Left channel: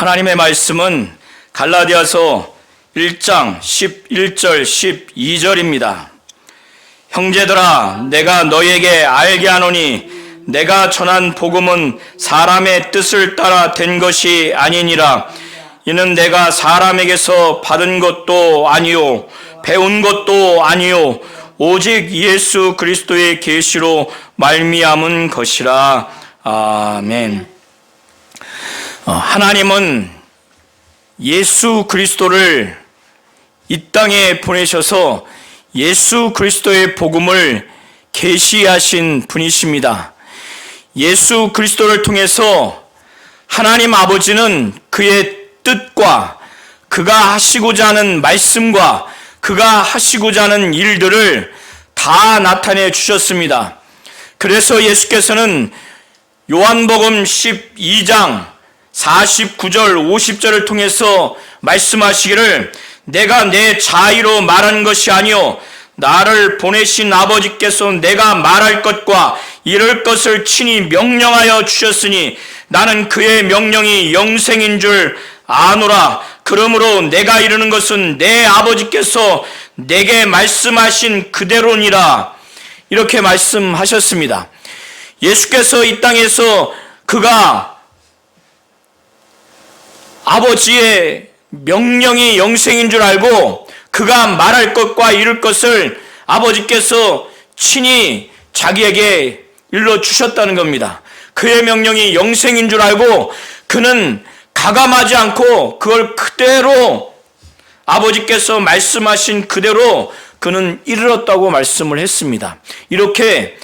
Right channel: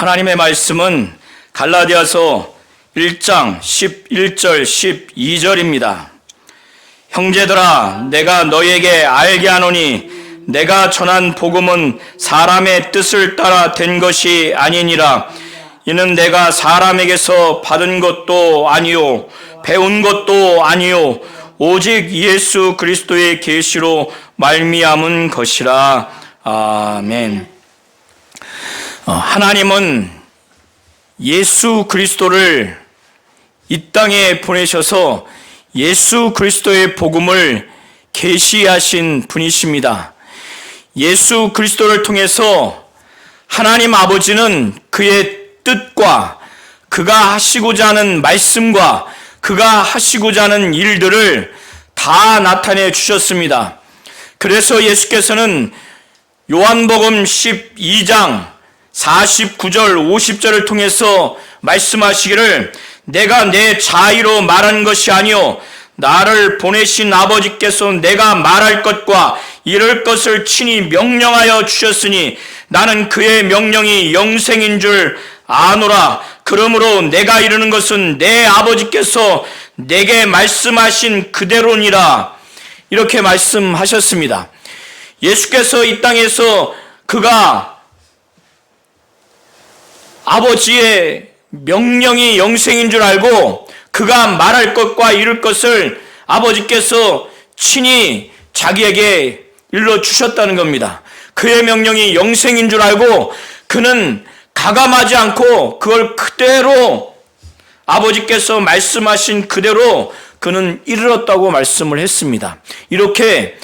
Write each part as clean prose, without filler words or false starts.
하나님의 말씀은 갈라디아서 1장 11절 12절입니다. 형제들아, 내가 너희에게 알게 하노니 내가 전한 복음은 사람의 뜻을 따라 된 것이 아니니라. 이는 내가 사람에게서 받은 것도 아니요 배운 것도 아니요 오직 예수 그리스도의 계시로 말미암은 것이라. 아멘. 하나님은 예수 그리스도를 이 땅에 보내셔서 예수 그리스도의 복음을 계시하신 분이십니다. 예수 그리스도를 통해서 하나님 아버지는 그의 뜻과 그가 하시고자 하는 말씀과 그가 하시고자 하는 일들을 다 나타내 주셨습니다. 그래서 예수께서는 요한복음 12장 49절 50절을 통해서 말씀하시기를 내가 내 자의로 말한 것이 아니요 나를 보내신 아버지께서 내가 말할 것과 이럴 것을 친히 명령하여 주셨으니 나는 그의 명령이 영생인 줄 아노라. 그러므로 내가 이르는 것은 내 아버지께서 내게 말씀하신 그대로니라. 이렇게 말씀하셨습니다. 예수께서 이 땅에서 그가 아버지의 명령이 영생인 줄 알고 그가 말할 것과 이룰 것을 아버지께서 친히 자기에게 일러주셨다는 겁니다. 그의 명령이 영생인 줄 알고 그는 가감하지 않고 그걸 그대로 아버지께서 말씀하신 그대로 그는 이르렀다고 말씀을 했습니다. 이렇게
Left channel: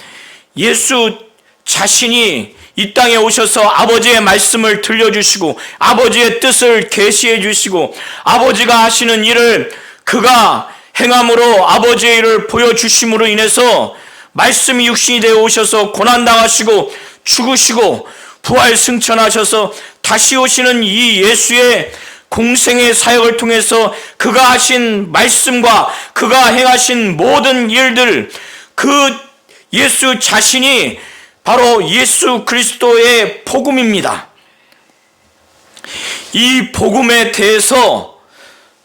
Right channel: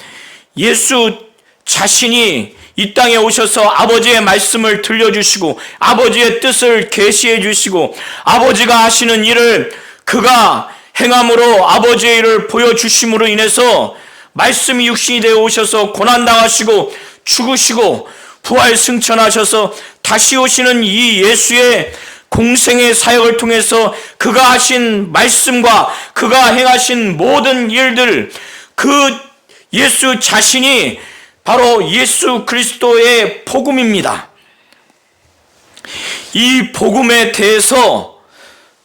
예수 자신이 이 땅에 오셔서 아버지의 말씀을 들려주시고 아버지의 뜻을 계시해 주시고 아버지가 하시는 일을 그가 행함으로 아버지의 일을 보여주심으로 인해서 말씀이 육신이 되어 오셔서 고난당하시고 죽으시고 부활 승천하셔서 다시 오시는 이 예수의 공생의 사역을 통해서 그가 하신 말씀과 그가 행하신 모든 일들, 그 예수 자신이 바로 예수 그리스도의 복음입니다. 이 복음에 대해서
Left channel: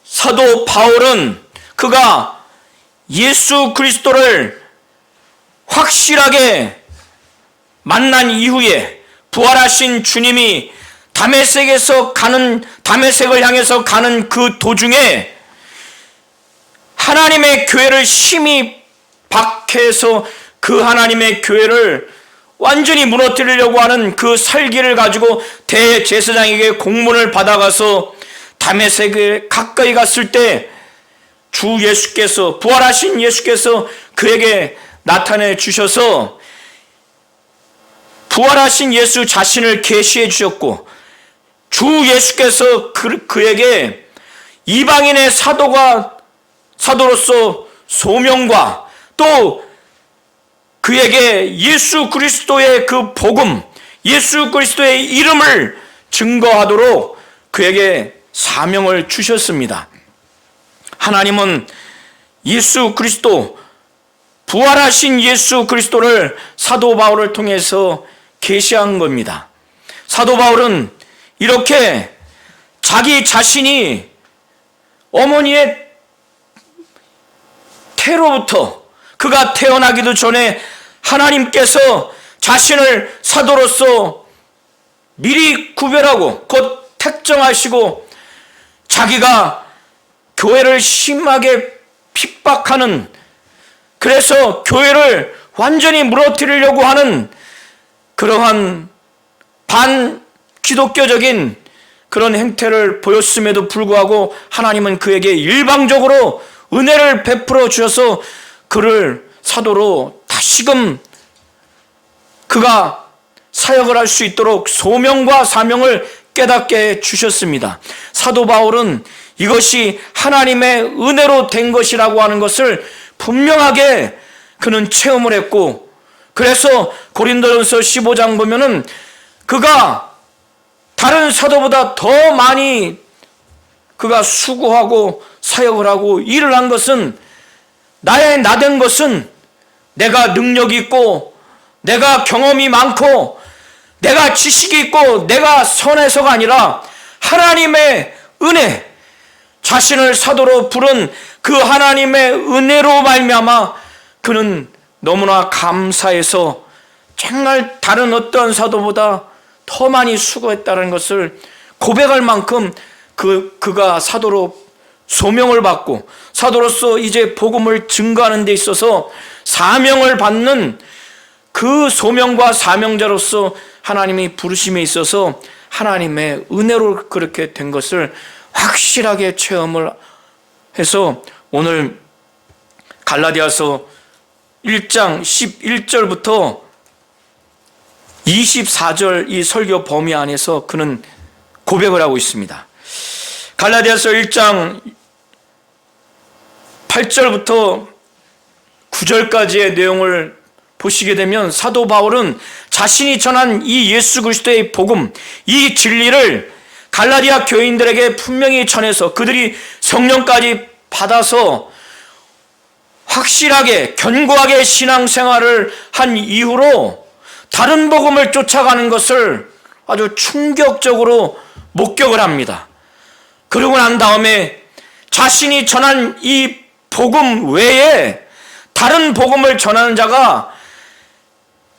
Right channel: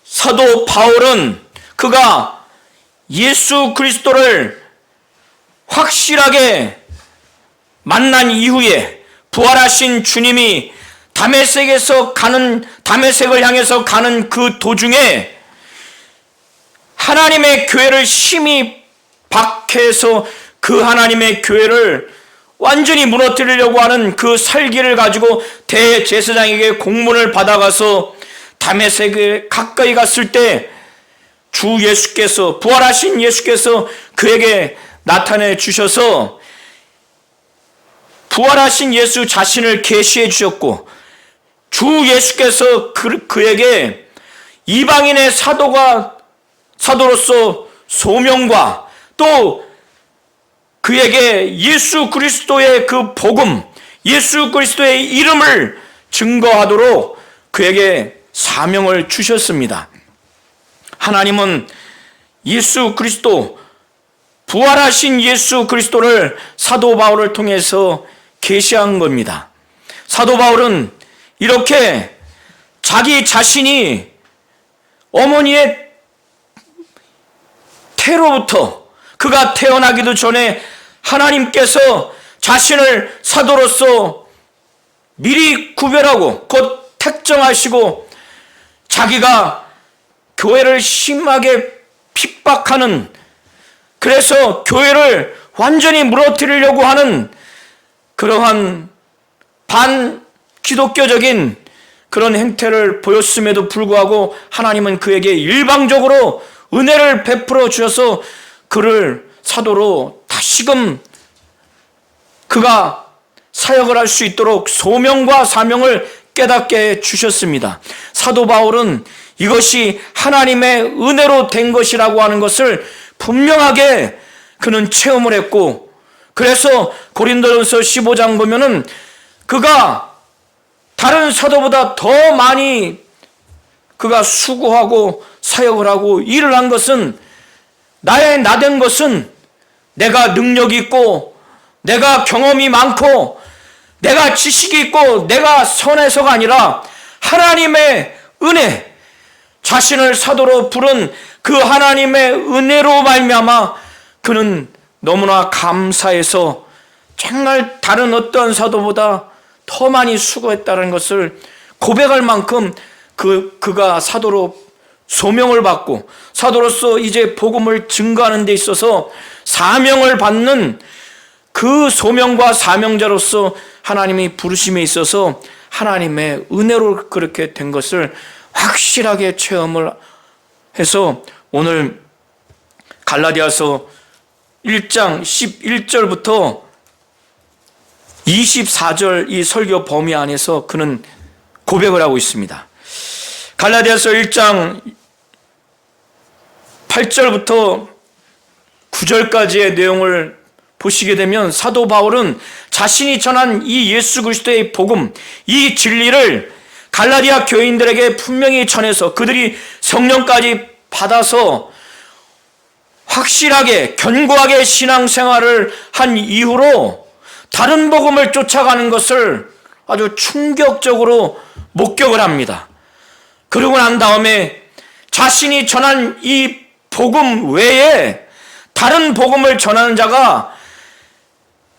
사도 바울은 그가 예수 그리스도를 확실하게 만난 이후에 부활하신 주님이 다메섹을 향해서 가는 그 도중에 하나님의 교회를 심히 박해해서 그 하나님의 교회를 완전히 무너뜨리려고 하는 그 살기를 가지고 대제사장에게 공문을 받아가서 다메섹에 가까이 갔을 때 주 예수께서, 부활하신 예수께서 그에게 나타내 주셔서 부활하신 예수 자신을 계시해 주셨고 주 예수께서 그에게 이방인의 사도로서 소명과 또 그에게 예수 그리스도의 그 복음, 예수 그리스도의 이름을 증거하도록 그에게 사명을 주셨습니다. 하나님은 예수 그리스도, 부활하신 예수 그리스도를 사도 바울을 통해서 계시한 겁니다. 사도 바울은 이렇게 자기 자신이 어머니의 태로부터 그가 태어나기도 전에 하나님께서 자신을 사도로서 미리 구별하고 곧 택정하시고 자기가 교회를 심하게 핍박하는, 그래서 교회를 완전히 무너뜨리려고 하는 그러한 반기독교적인 그런 행태를 보였음에도 불구하고 하나님은 그에게 일방적으로 은혜를 베풀어 주셔서 그를 사도로 다시금 그가 사역을 할 수 있도록 소명과 사명을 깨닫게 주셨습니다. 사도 바울은 이것이 하나님의 은혜로 된 것이라고 하는 것을 분명하게 그는 체험을 했고, 그래서 고린도전서 15장 보면은 그가 다른 사도보다 더 많이 그가 수고하고 사역을 하고 일을 한 것은, 나의 나된 것은 내가 능력이 있고 내가 경험이 많고 내가 지식이 있고 내가 선해서가 아니라 하나님의 은혜, 자신을 사도로 부른 그 하나님의 은혜로 말미암아 그는 너무나 감사해서 정말 다른 어떤 사도보다 더 많이 수고했다는 것을 고백할 만큼 그가 사도로 소명을 받고 사도로서 이제 복음을 증거하는 데 있어서 사명을 받는 그 소명과 사명자로서 하나님이 부르심에 있어서 하나님의 은혜로 그렇게 된 것을 확실하게 체험을 해서 오늘 갈라디아서 1장 11절부터 24절 이 설교 범위 안에서 그는 고백을 하고 있습니다. 갈라디아서 1장 8절부터 9절까지의 내용을 보시게 되면 사도 바울은 자신이 전한 이 예수 그리스도의 복음, 이 진리를 갈라디아 교인들에게 분명히 전해서 그들이 성령까지 받아서 확실하게 견고하게 신앙생활을 한 이후로 다른 복음을 쫓아가는 것을 아주 충격적으로 목격을 합니다. 그러고 난 다음에 자신이 전한 이 복음 외에 다른 복음을 전하는 자가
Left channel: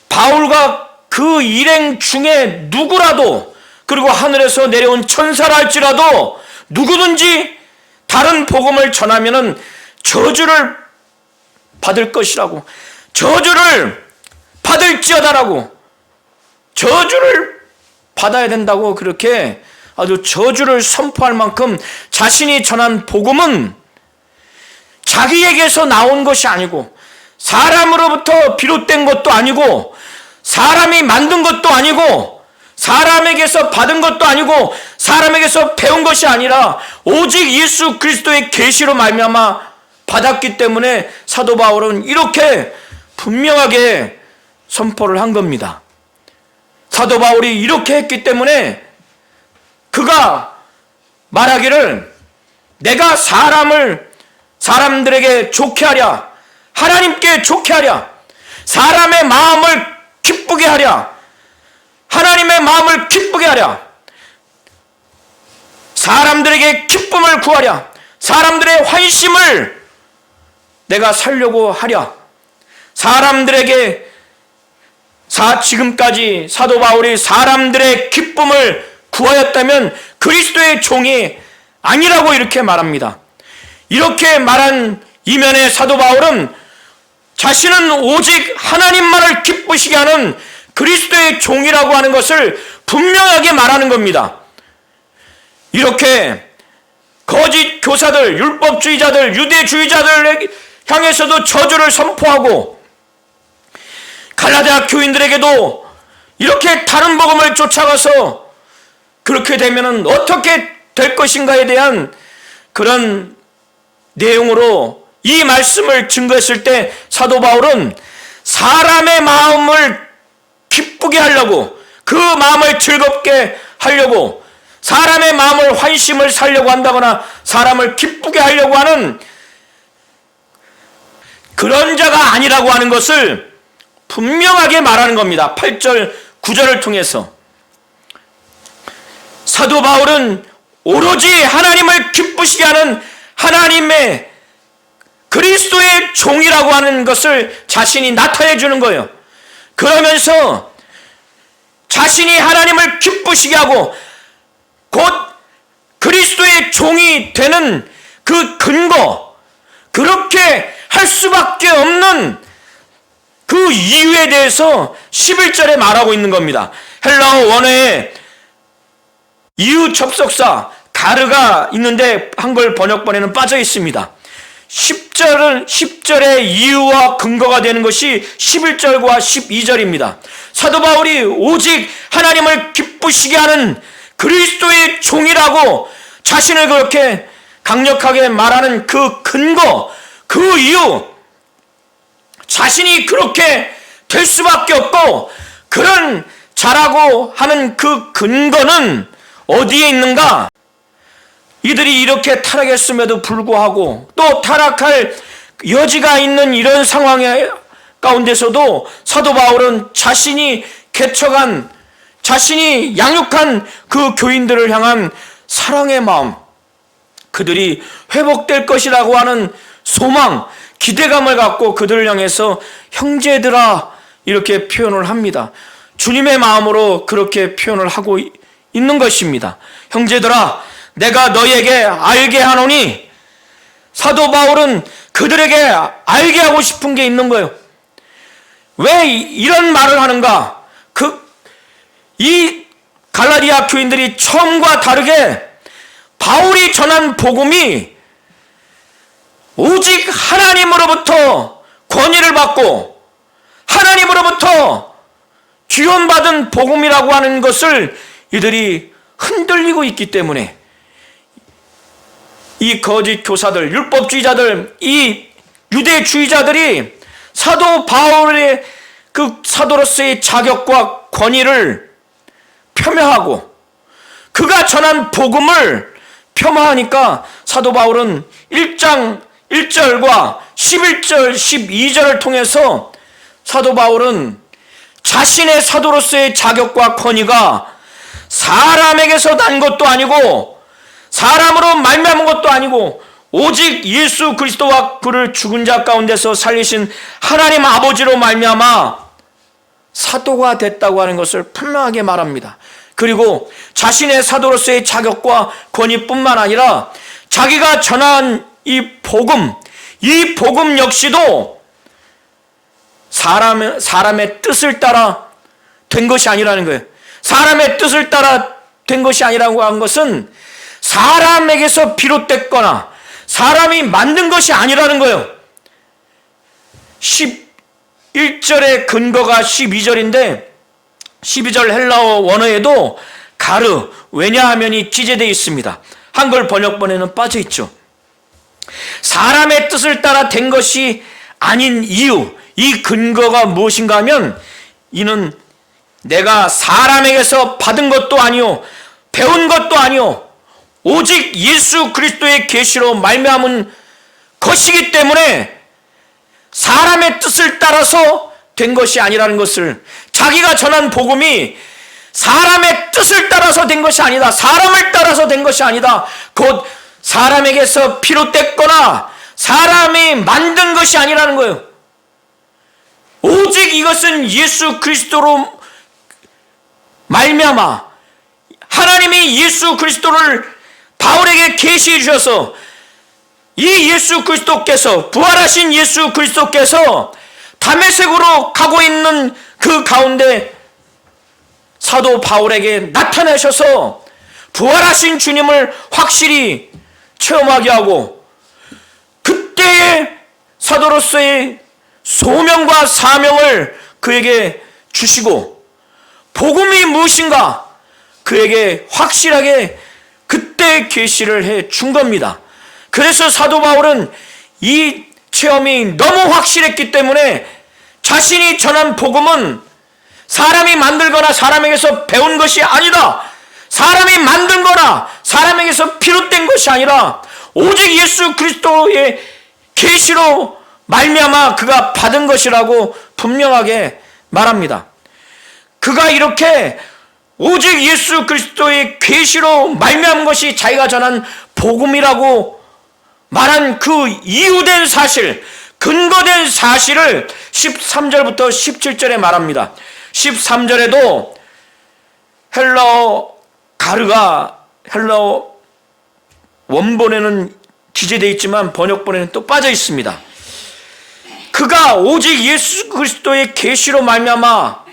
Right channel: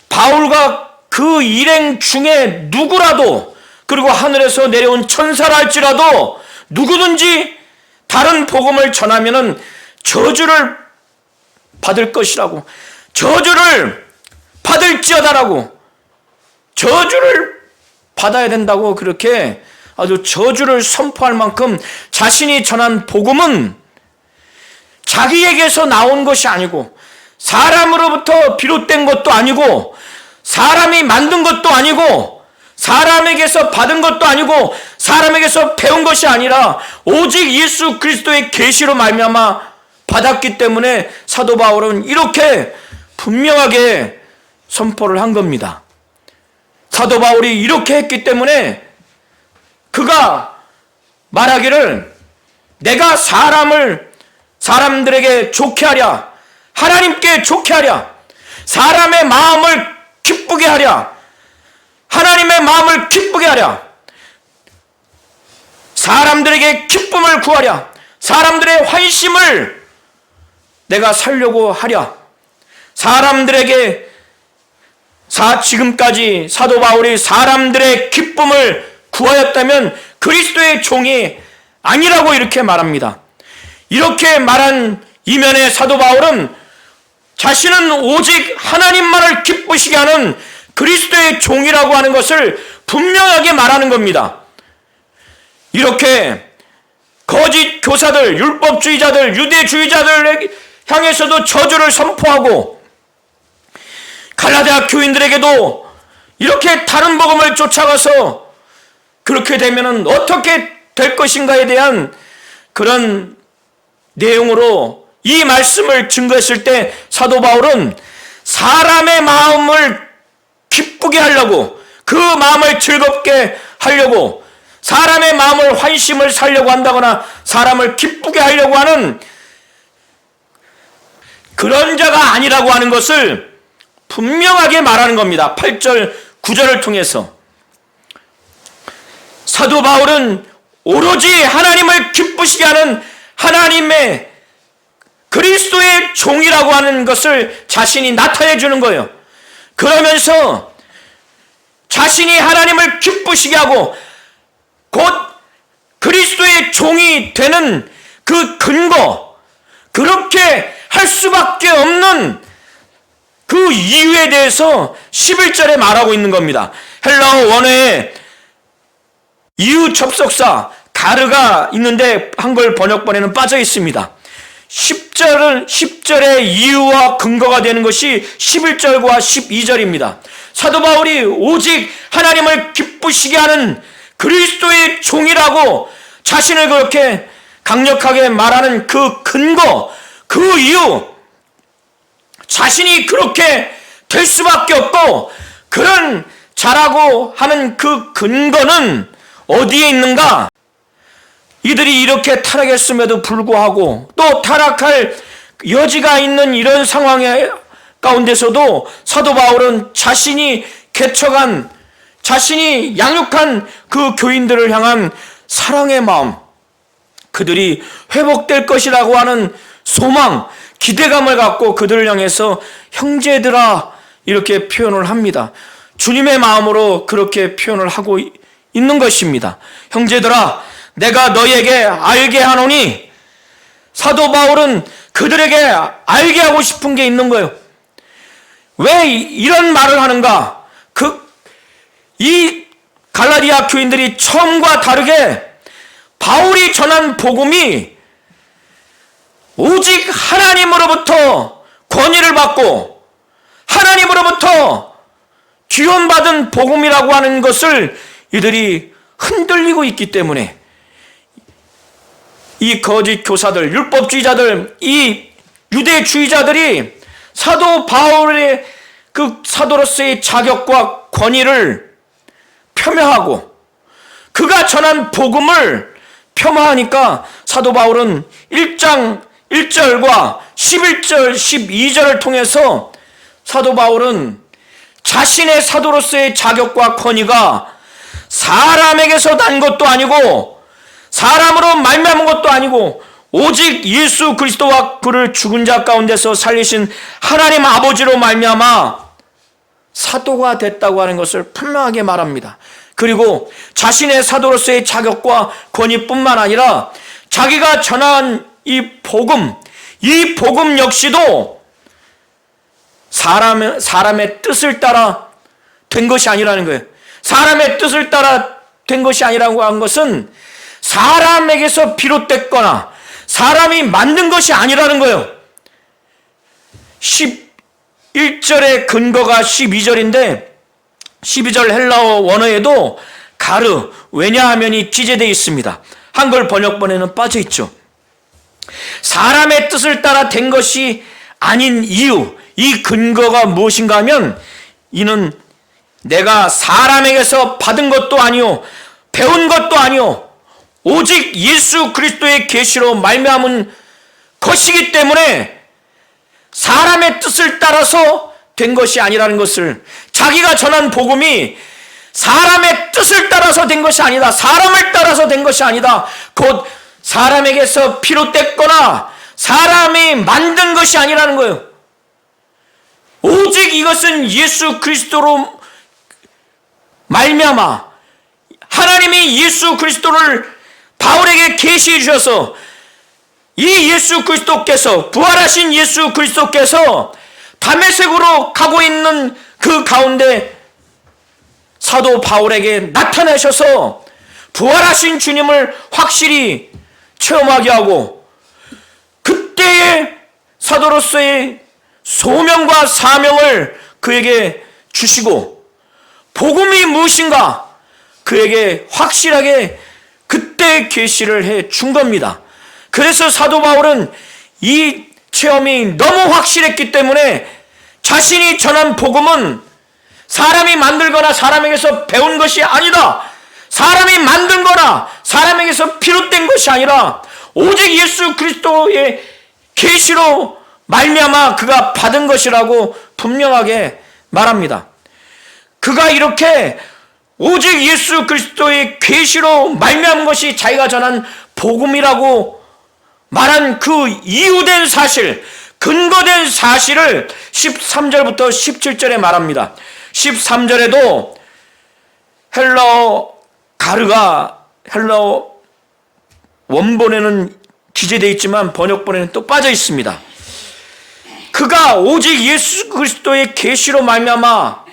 바울과 그 일행 중에 누구라도, 그리고 하늘에서 내려온 천사라 할지라도 누구든지 다른 복음을 전하면은 저주를 받을 것이라고, 저주를 받을지어다라고, 저주를 받아야 된다고 그렇게 아주 저주를 선포할 만큼 자신이 전한 복음은 자기에게서 나온 것이 아니고 사람으로부터 비롯된 것도 아니고 사람이 만든 것도 아니고 사람에게서 받은 것도 아니고 사람에게서 배운 것이 아니라 오직 예수 그리스도의 계시로 말미암아 받았기 때문에 사도 바울은 이렇게 분명하게 선포를 한 겁니다. 사도 바울이 이렇게 했기 때문에 그가 말하기를 내가 사람들에게 좋게 하랴, 하나님께 좋게 하랴, 사람의 마음을 기쁘게 하랴, 하나님의 마음을 기쁘게 하랴, 사람들에게 기쁨을 구하랴, 사람들의 환심을 내가 살려고 하랴, 사람들에게 지금까지 사도 바울이 사람들의 기쁨을 구하였다면 그리스도의 종이 아니라고 이렇게 말합니다. 이렇게 말한 이면에 사도 바울은 자신은 오직 하나님만을 기쁘시게 하는 그리스도의 종이라고 하는 것을 분명하게 말하는 겁니다. 이렇게 거짓 교사들, 율법주의자들, 유대주의자들 향해서도 저주를 선포하고 갈라디아 교인들에게도 이렇게 다른 복음을 쫓아가서 그렇게 되면 어떻게 될 것인가에 대한 그런 내용으로 이 말씀을 증거했을 때 사도 바울은 사람의 마음을 기쁘게 하려고, 그 마음을 즐겁게 하려고, 사람의 마음을 환심을 살려고 한다거나 사람을 기쁘게 하려고 하는 그런 자가 아니라고 하는 것을 분명하게 말하는 겁니다. 8절 9절을 통해서 사도 바울은 오로지 하나님을 기쁘시게 하는 하나님의 그리스도의 종이라고 하는 것을 자신이 나타내 주는 거예요. 그러면서 자신이 하나님을 기쁘시게 하고 곧 그리스도의 종이 되는 그 근거, 그렇게 할 수밖에 없는 그 이유에 대해서 11절에 말하고 있는 겁니다. 헬라어 원어에 이유 접속사 가르가 있는데 한글 번역본에는 빠져 있습니다. 10절의 이유와 근거가 되는 것이 11절과 12절입니다. 사도 바울이 오직 하나님을 기쁘시게 하는 그리스도의 종이라고 자신을 그렇게 강력하게 말하는 그 근거, 그 이유, 자신이 그렇게 될 수밖에 없고 그런 자라고 하는 그 근거는 어디에 있는가? 이들이 이렇게 타락했음에도 불구하고 또 타락할 여지가 있는 이런 상황 가운데서도 사도 바울은 자신이 개척한, 자신이 양육한 그 교인들을 향한 사랑의 마음, 그들이 회복될 것이라고 하는 소망, 기대감을 갖고 그들을 향해서 형제들아 이렇게 표현을 합니다. 주님의 마음으로 그렇게 표현을 하고 있는 것입니다. 형제들아, 내가 너희에게 알게 하노니, 사도 바울은 그들에게 알게 하고 싶은 게 있는 거예요. 왜 이런 말을 하는가? 이 갈라디아 교인들이 처음과 다르게 바울이 전한 복음이 오직 하나님으로부터 권위를 받고 하나님으로부터 기원받은 복음이라고 하는 것을 이들이 흔들리고 있기 때문에 이 거짓 교사들, 율법주의자들, 이 유대주의자들이 사도 바울의 그 사도로서의 자격과 권위를 폄하하고 그가 전한 복음을 폄하하니까 사도 바울은 1장 1절과 11절, 12절을 통해서 사도 바울은 자신의 사도로서의 자격과 권위가 사람에게서 난 것도 아니고 사람으로 말미암은 것도 아니고 오직 예수 그리스도와 그를 죽은 자 가운데서 살리신 하나님 아버지로 말미암아 사도가 됐다고 하는 것을 분명하게 말합니다. 그리고 자신의 사도로서의 자격과 권위뿐만 아니라 자기가 전한 이 복음 역시도 사람의 뜻을 따라 된 것이 아니라는 거예요. 사람의 뜻을 따라 된 것이 아니라고 한 것은 사람에게서 비롯됐거나 사람이 만든 것이 아니라는 거예요. 11절의 근거가 12절인데 12절 헬라어 원어에도 가르, 왜냐하면이 기재되어 있습니다. 한글 번역본에는 빠져 있죠. 사람의 뜻을 따라 된 것이 아닌 이유, 이 근거가 무엇인가 하면 이는 내가 사람에게서 받은 것도 아니요 배운 것도 아니요 오직 예수 그리스도의 계시로 말미암은 것이기 때문에 사람의 뜻을 따라서 된 것이 아니라는 것을, 자기가 전한 복음이 사람의 뜻을 따라서 된 것이 아니다, 사람을 따라서 된 것이 아니다, 곧 사람에게서 비롯됐거나 사람이 만든 것이 아니라는 거예요. 오직 이것은 예수 그리스도로 말미암아 하나님이 예수 그리스도를 바울에게 계시해 주셔서 이 예수 그리스도께서, 부활하신 예수 그리스도께서 다메섹으로 가고 있는 그 가운데 사도 바울에게 나타나셔서 부활하신 주님을 확실히 체험하게 하고 그때의 사도로서의 소명과 사명을 그에게 주시고 복음이 무엇인가 그에게 확실하게 그때 계시를 해 준 겁니다. 그래서 사도 바울은 이 체험이 너무 확실했기 때문에 자신이 전한 복음은 사람이 만들거나 사람에게서 배운 것이 아니다, 사람이 만든 거나 사람에게서 비롯된 것이 아니라 오직 예수 그리스도의 계시로 말미암아 그가 받은 것이라고 분명하게 말합니다. 그가 이렇게 오직 예수 그리스도의 계시로 말미암은 것이 자기가 전한 복음이라고 말한 그 이유된 사실, 근거된 사실을 13절부터 17절에 말합니다. 13절에도 헬라어 가르가 헬라어 원본에는 기재되어 있지만 번역본에는 또 빠져 있습니다. 그가 오직 예수 그리스도의 계시로 말미암아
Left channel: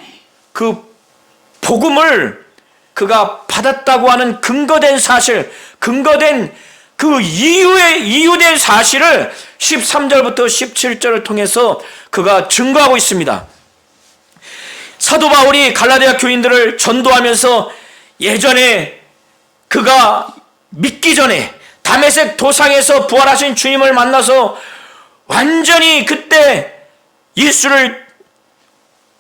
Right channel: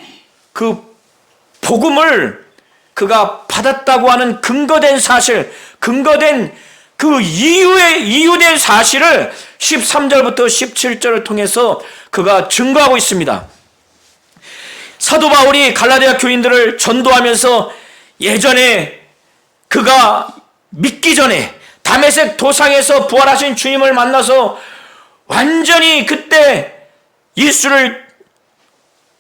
그 복음을 그가 받았다고 하는 근거된 사실, 근거된 그 이유된 사실을 13절부터 17절을 통해서 그가 증거하고 있습니다. 사도 바울이 갈라디아 교인들을 전도하면서 예전에 그가 믿기 전에 다메섹 도상에서 부활하신 주님을 만나서 완전히 그때 예수를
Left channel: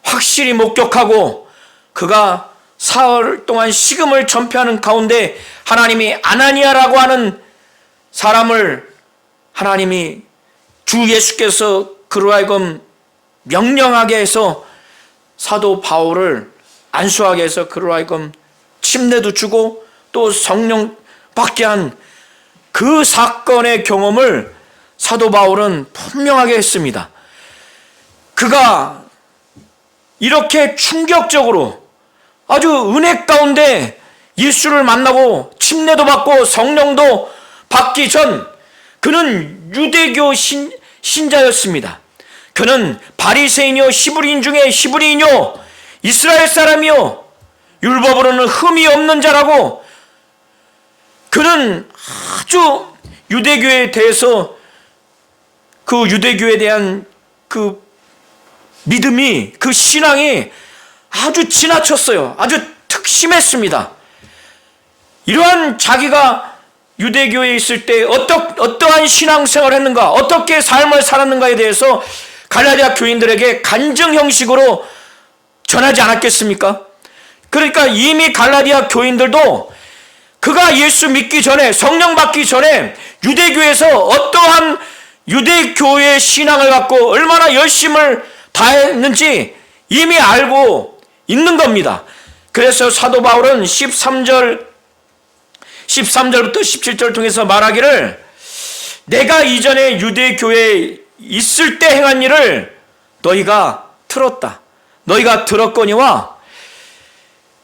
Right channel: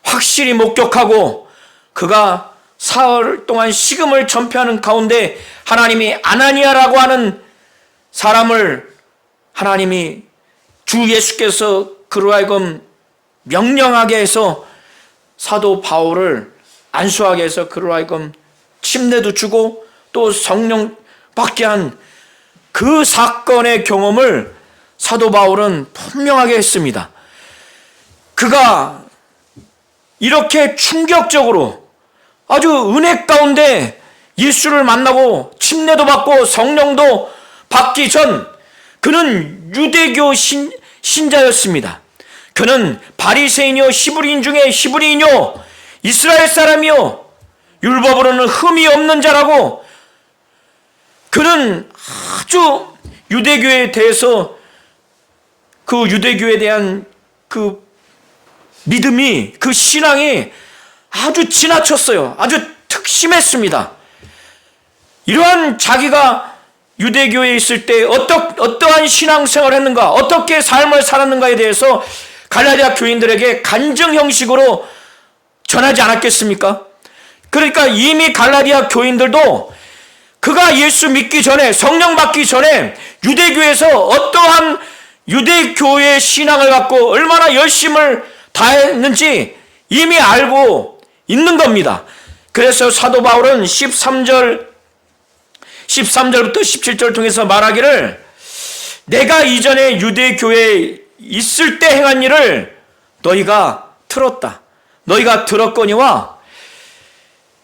확실히 목격하고 그가 사흘 동안 식음을 전폐하는 가운데 하나님이 아나니아라고 하는 사람을 하나님이 주 예수께서 그로 하여금 명령하게 해서 사도 바울을 안수하게 해서 그로 하여금 침례도 주고 또 성령 받게 한 그 사건의 경험을 사도 바울은 분명하게 했습니다. 그가 이렇게 충격적으로 아주 은혜 가운데 예수를 만나고 침례도 받고 성령도 받기 전 그는 유대교 신자였습니다. 그는 바리새인이요 히브리인 중에 히브리인이요 이스라엘 사람이요 율법으로는 흠이 없는 자라고, 그는 아주 유대교에 대해서 그 유대교에 대한 그 믿음이, 그 신앙이 아주 지나쳤어요. 아주 특심했습니다. 이러한 자기가 유대교에 있을 때 어떠한 신앙생활을 했는가, 어떻게 삶을 살았는가에 대해서 갈라디아 교인들에게 간증 형식으로 전하지 않았겠습니까? 그러니까 이미 갈라디아 교인들도 그가 예수 믿기 전에, 성령 받기 전에 유대교에서 어떠한 유대교의 신앙을 갖고 얼마나 열심을 다했는지 이미 알고 있는 겁니다. 그래서 사도 바울은 13절부터 17절을 통해서 말하기를, 내가 이전에 유대교에 있을 때 행한 일을 너희가 들었다. 너희가 들었거니와,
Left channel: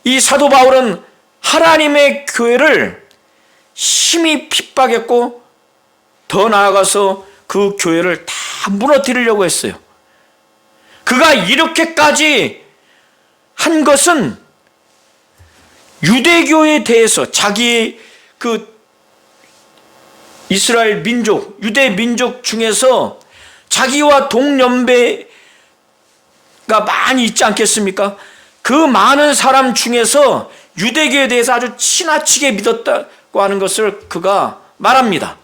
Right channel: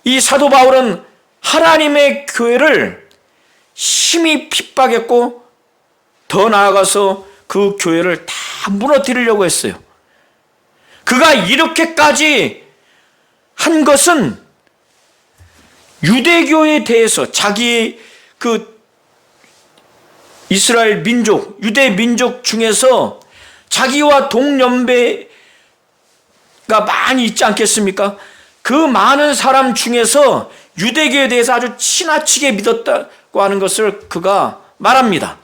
이 사도 바울은 하나님의 교회를 심히 핍박했고 더 나아가서 그 교회를 다 무너뜨리려고 했어요. 그가 이렇게까지 한 것은 유대교에 대해서 자기 그 이스라엘 민족, 유대 민족 중에서 자기와 동년배가 많이 있지 않겠습니까? 그 많은 사람 중에서 유대교에 대해서 아주 지나치게 믿었다고 하는 것을 그가 말합니다.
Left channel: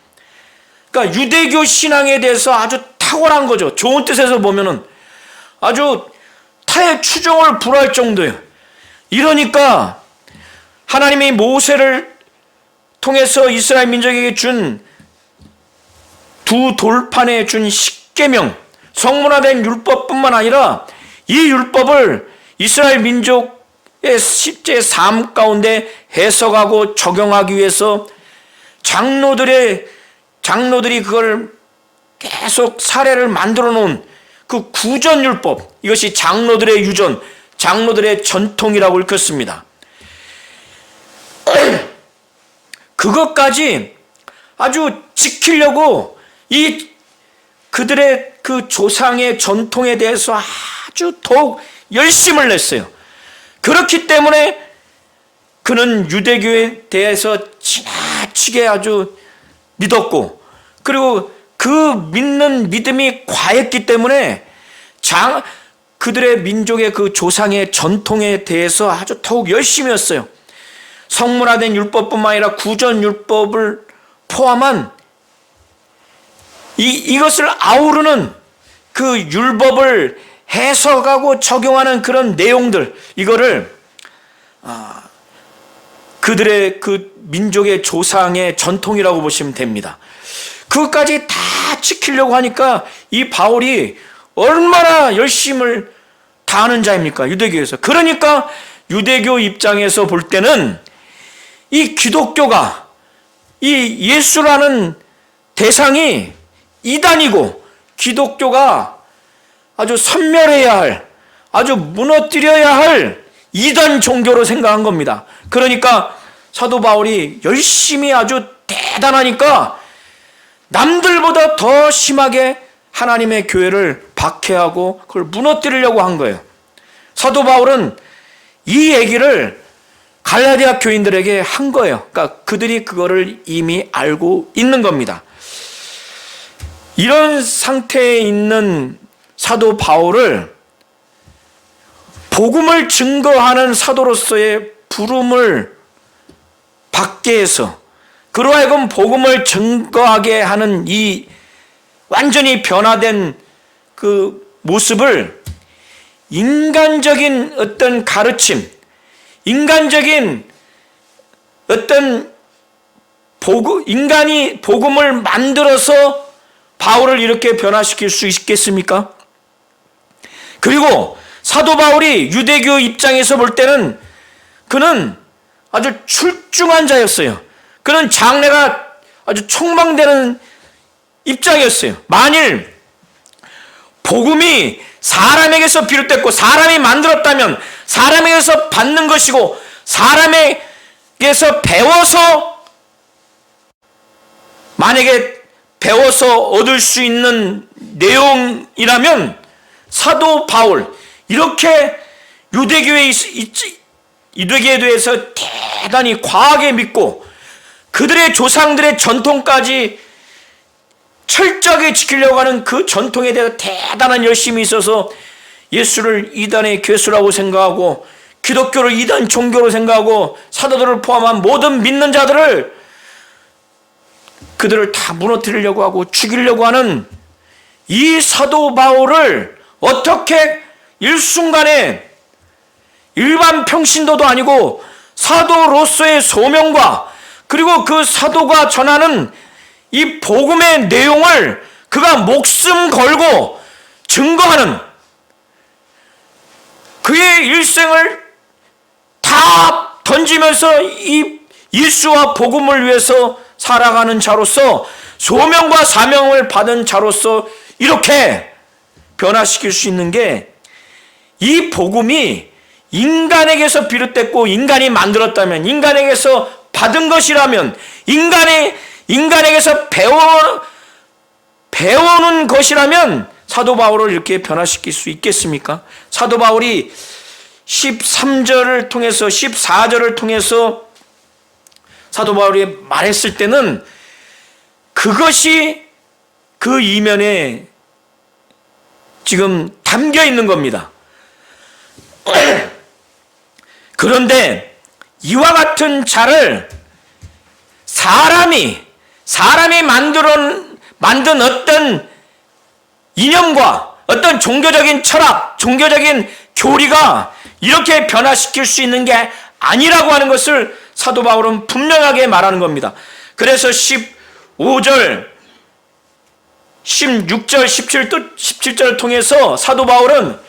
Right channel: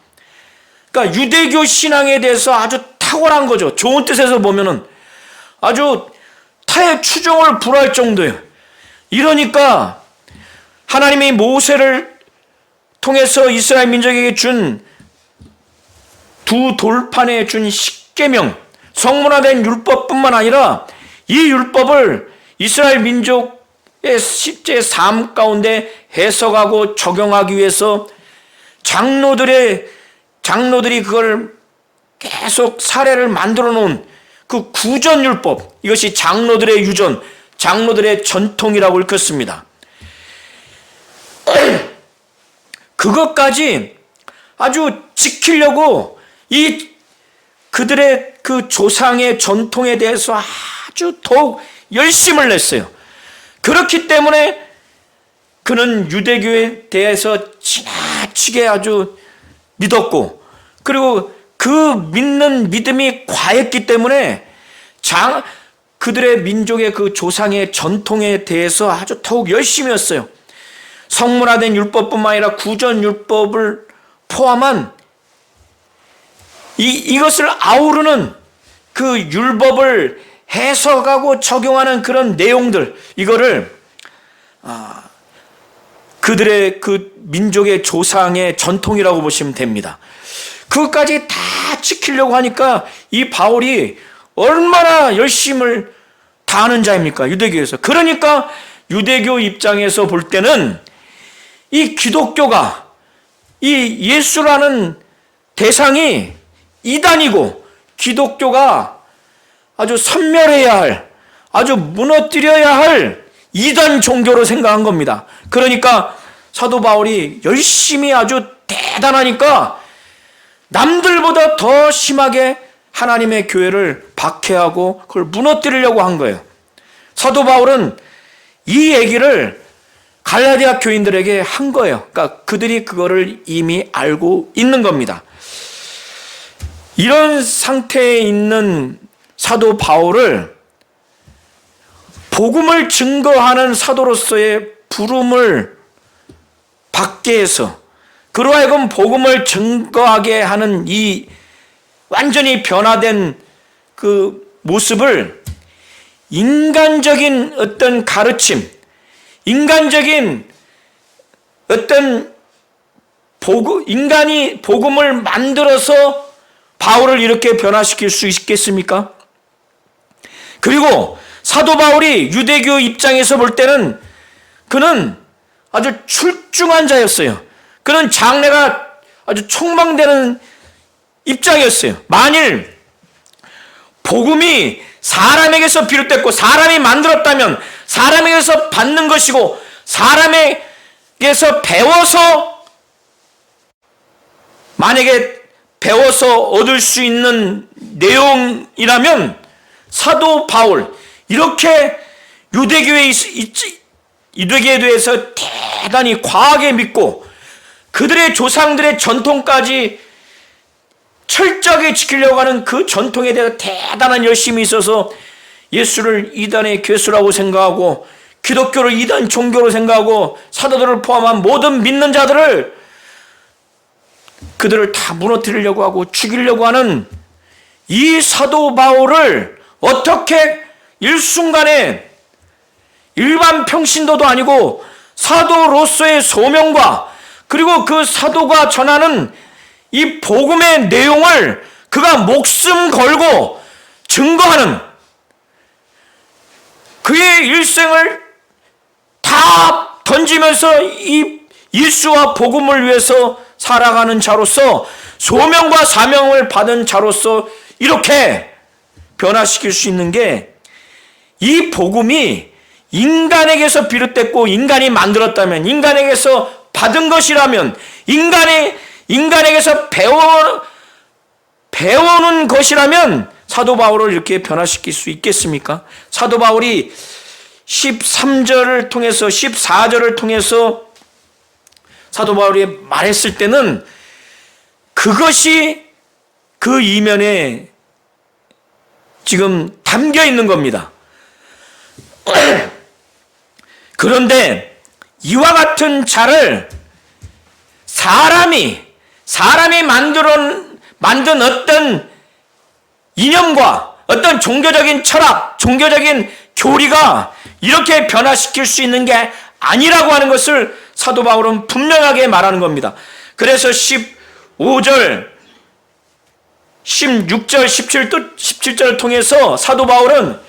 그러니까 유대교 신앙에 대해서 아주 탁월한 거죠. 좋은 뜻에서 보면은 아주 타의 추종을 불허할 정도예요. 이러니까 하나님이 모세를 통해서 이스라엘 민족에게 준 두 돌판에 준 십계명, 성문화된 율법뿐만 아니라 이 율법을 이스라엘 민족의 실제 삶 가운데 해석하고 적용하기 위해서 장로들이 그걸 계속 사례를 만들어 놓은 그 구전율법, 이것이 장로들의 유전, 장로들의 전통이라고 읽혔습니다. 그것까지 아주 지키려고 그들의 그 조상의 전통에 대해서 아주 더욱 열심을 냈어요. 그렇기 때문에 그는 유대교에 대해서 지나치게 아주 믿었고, 그리고 그 믿는 믿음이 과했기 때문에 그들의 민족의 그 조상의 전통에 대해서 아주 더욱 열심히 했어요. 성문화된 율법뿐만 아니라 구전율법을 포함한 이것을 아우르는 그 율법을 해석하고 적용하는 그런 내용들, 이거를 그들의 그 민족의 조상의 전통이라고 보시면 됩니다. 그것까지 다 지키려고 하니까 이 바울이 얼마나 열심을 다하는 자입니까? 유대교에서. 그러니까 유대교 입장에서 볼 때는 이 기독교가, 이 예수라는 대상이 이단이고 기독교가 아주 섬멸해야 할, 아주 무너뜨려야 할 이단 종교로 생각한 겁니다. 그러니까 사도 바울이 열심히 아주 대단하니까 남들보다 더 심하게 하나님의 교회를 박해하고 그걸 무너뜨리려고 한 거예요. 사도 바울은 이 얘기를 갈라디아 교인들에게 한 거예요. 그러니까 그들이 그거를 이미 알고 있는 겁니다. 이런 상태에 있는 사도 바울을 복음을 증거하는 사도로서의 부름을 받게 해서 그로 하여금 복음을 증거하게 하는 이 완전히 변화된 그 모습을 인간적인 어떤 가르침, 인간적인 어떤 인간이 복음을 만들어서 바울을 이렇게 변화시킬 수 있겠습니까? 그리고 사도 바울이 유대교 입장에서 볼 때는 그는 아주 출중한 자였어요. 그런 장래가 아주 촉망되는 입장이었어요. 만일 복음이 사람에게서 비롯됐고 사람이 만들었다면 사람에게서 받는 것이고 사람에게서 배워서 만약에 배워서 얻을 수 있는 내용이라면 사도 바울 이렇게 유대교에 대해서 대단히 과하게 믿고 그들의 조상들의 전통까지 철저하게 지키려고 하는 그 전통에 대해 대단한 열심이 있어서 예수를 이단의 괴수라고 생각하고 기독교를 이단 종교로 생각하고 사도들을 포함한 모든 믿는 자들을 그들을 다 무너뜨리려고 하고 죽이려고 하는 이 사도 바울을 어떻게 일순간에 일반 평신도도 아니고 사도로서의 소명과 그리고 그 사도가 전하는 이 복음의 내용을 그가 목숨 걸고 증거하는 그의 일생을 다 던지면서 이 예수와 복음을 위해서 살아가는 자로서 소명과 사명을 받은 자로서 이렇게 변화시킬 수 있는 게 이 복음이 인간에게서 비롯됐고 인간이 만들었다면 인간에게서 받은 것이라면 인간에게서 배워오는 것이라면 사도 바울을 이렇게 변화시킬 수 있겠습니까? 사도 바울이 13절을 통해서 14절을 통해서 사도 바울이 말했을 때는 그것이 그 이면에 지금 담겨 있는 겁니다. 그런데 이와 같은 자를 사람이 만든 어떤 이념과 어떤 종교적인 철학, 종교적인 교리가 이렇게 변화시킬 수 있는 게 아니라고 하는 것을 사도 바울은 분명하게 말하는 겁니다. 그래서 15절, 16절, 17절을 통해서 사도 바울은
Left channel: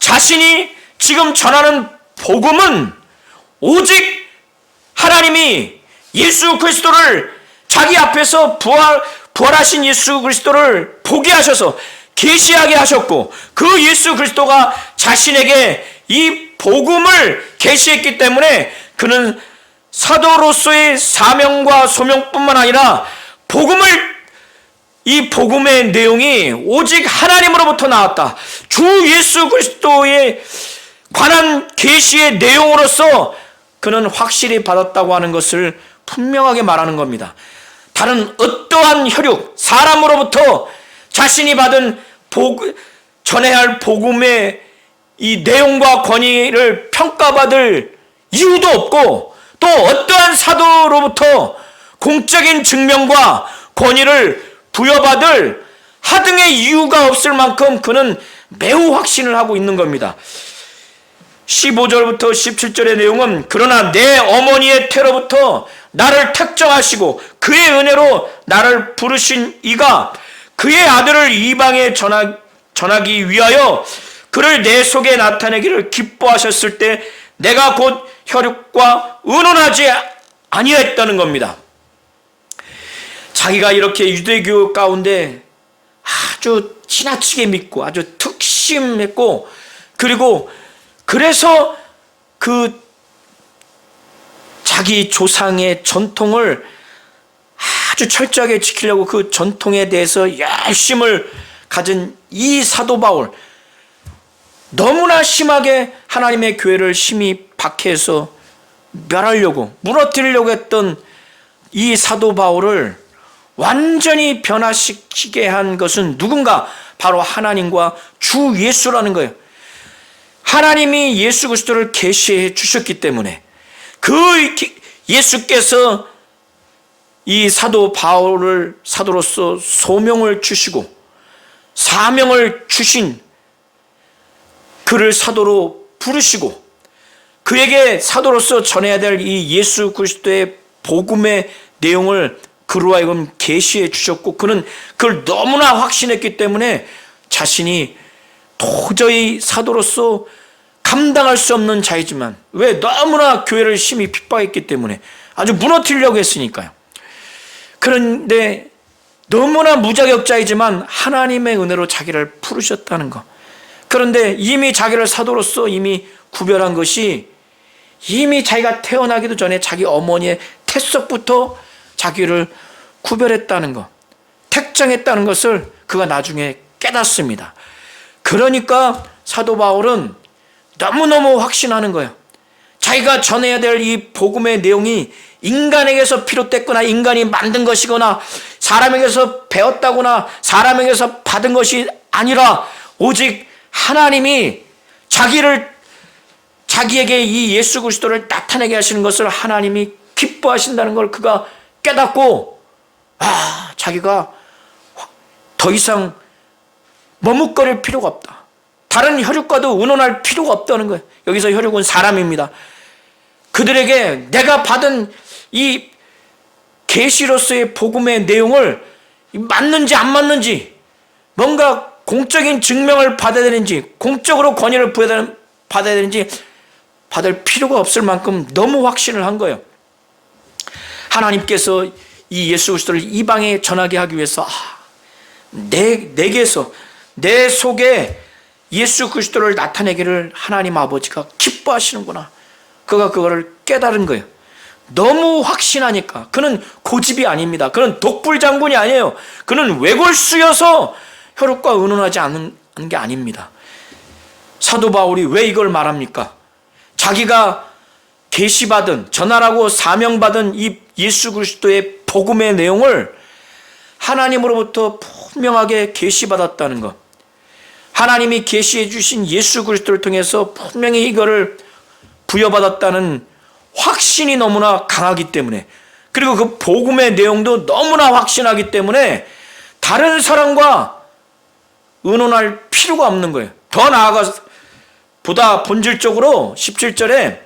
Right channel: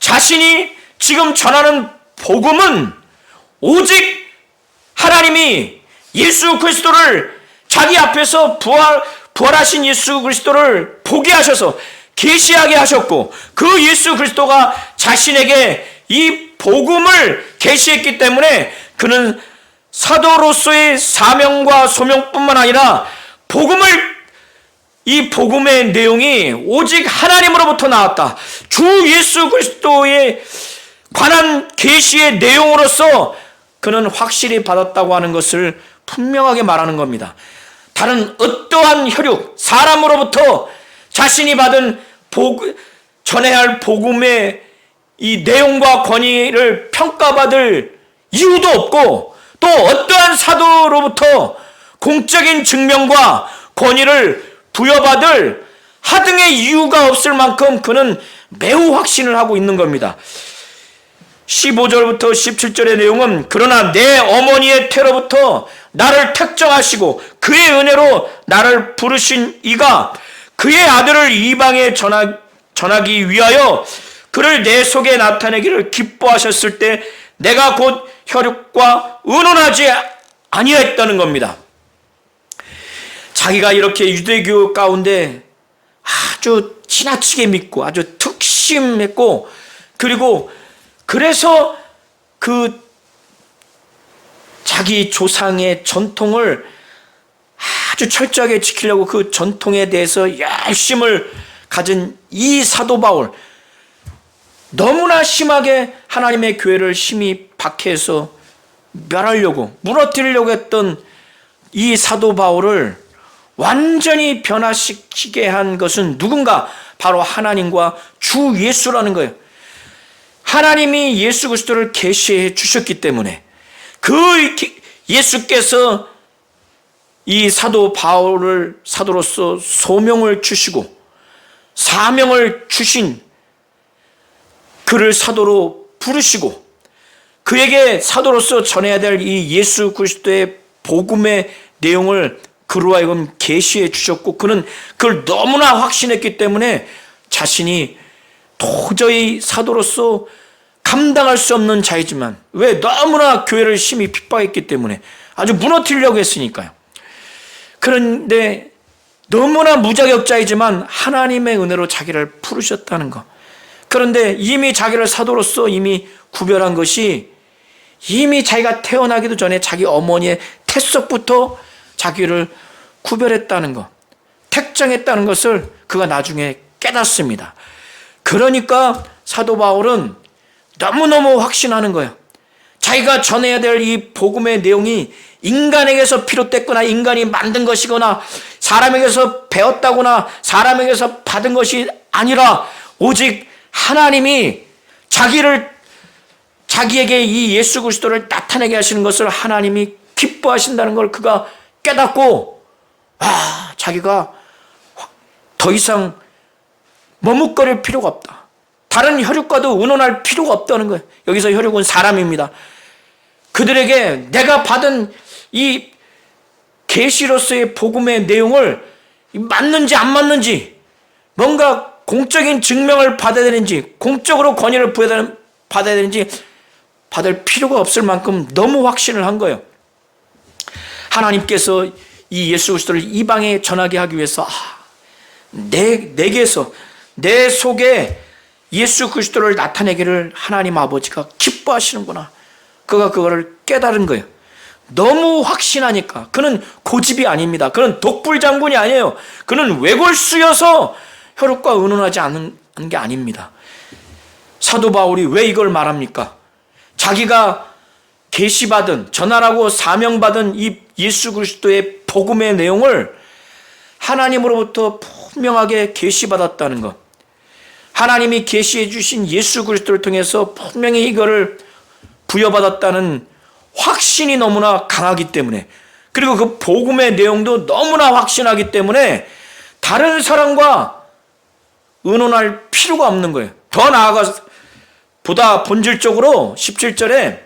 자신이 지금 전하는 복음은 오직 하나님이 예수 그리스도를 자기 앞에서 부활하신 예수 그리스도를 보게 하셔서 계시하게 하셨고 그 예수 그리스도가 자신에게 이 복음을 계시했기 때문에 그는 사도로서의 사명과 소명뿐만 아니라 이 복음의 내용이 오직 하나님으로부터 나왔다. 주 예수 그리스도에 관한 계시의 내용으로서 그는 확실히 받았다고 하는 것을 분명하게 말하는 겁니다. 다른 어떠한 혈육, 사람으로부터 자신이 받은 전해야 할 복음의 이 내용과 권위를 평가받을 이유도 없고 또 어떠한 사도로부터 공적인 증명과 권위를 부여받을 하등의 이유가 없을 만큼 그는 매우 확신을 하고 있는 겁니다. 15절부터 17절의 내용은 그러나 내 어머니의 태로부터 나를 택정하시고 그의 은혜로 나를 부르신 이가 그의 아들을 이방에 전하기 위하여 그를 내 속에 나타내기를 기뻐하셨을 때 내가 곧 혈육과 의논하지 아니했다는 겁니다. 자기가 이렇게 유대교 가운데 아주 지나치게 믿고 아주 특심했고 그리고 그래서 그 자기 조상의 전통을 아주 철저하게 지키려고 그 전통에 대해서 열심을 가진 이 사도 바울, 너무나 심하게 하나님의 교회를 심히 박해해서 멸하려고 무너뜨리려고 했던 이 사도 바울을 완전히 변화시키게 한 것은 누군가? 바로 하나님과 주 예수라는 거예요. 하나님이 예수 그리스도를 계시해 주셨기 때문에 그 예수께서 이 사도 바울을 사도로서 소명을 주시고 사명을 주신 그를 사도로 부르시고 그에게 사도로서 전해야 될 이 예수 그리스도의 복음의 내용을 그로 하여금 계시해 주셨고 그는 그걸 너무나 확신했기 때문에 자신이 도저히 사도로서 감당할 수 없는 자이지만 왜 너무나 교회를 심히 핍박했기 때문에 아주 무너뜨리려고 했으니까요. 그런데 너무나 무자격자이지만 하나님의 은혜로 자기를 부르셨다는 것. 그런데 이미 자기를 사도로서 이미 구별한 것이 이미 자기가 태어나기도 전에 자기 어머니의 태석부터 자기를 구별했다는 것, 택정했다는 것을 그가 나중에 깨닫습니다. 그러니까 사도 바울은 너무너무 확신하는 거예요. 자기가 전해야 될 이 복음의 내용이 인간에게서 비롯됐거나 인간이 만든 것이거나 사람에게서 배웠다거나 사람에게서 받은 것이 아니라 오직 하나님이 자기에게 이 예수 그리스도를 나타내게 하시는 것을 하나님이 기뻐하신다는 걸 그가 깨닫고 자기가 더 이상 머뭇거릴 필요가 없다. 다른 혈육과도 의논할 필요가 없다는 거예요. 여기서 혈육은 사람입니다. 그들에게 내가 받은 이 계시로서의 복음의 내용을 맞는지 안 맞는지, 뭔가 공적인 증명을 받아야 되는지, 공적으로 권위를 받아야 되는지 받을 필요가 없을 만큼 너무 확신을 한 거예요. 하나님께서 이 예수 그리스도를 이방에 전하게 하기 위해서 내게서 내 속에 예수 그리스도를 나타내기를 하나님 아버지가 기뻐하시는구나. 그가 그거를 깨달은 거예요. 너무 확신하니까. 그는 고집이 아닙니다. 그는 독불장군이 아니에요. 그는 외골수여서 혈육과 의논하지 않은 게 아닙니다. 사도 바울이 왜 이걸 말합니까? 자기가 계시받은, 전하라고 사명받은 이 예수 그리스도의 복음의 내용을 하나님으로부터 분명하게 계시받았다는 것. 하나님이 계시해 주신 예수 그리스도를 통해서 분명히 이거를 부여받았다는 확신이 너무나 강하기 때문에, 그리고 그 복음의 내용도 너무나 확신하기 때문에 다른 사람과 의논할 필요가 없는 거예요. 더 나아가서 보다 본질적으로 17절에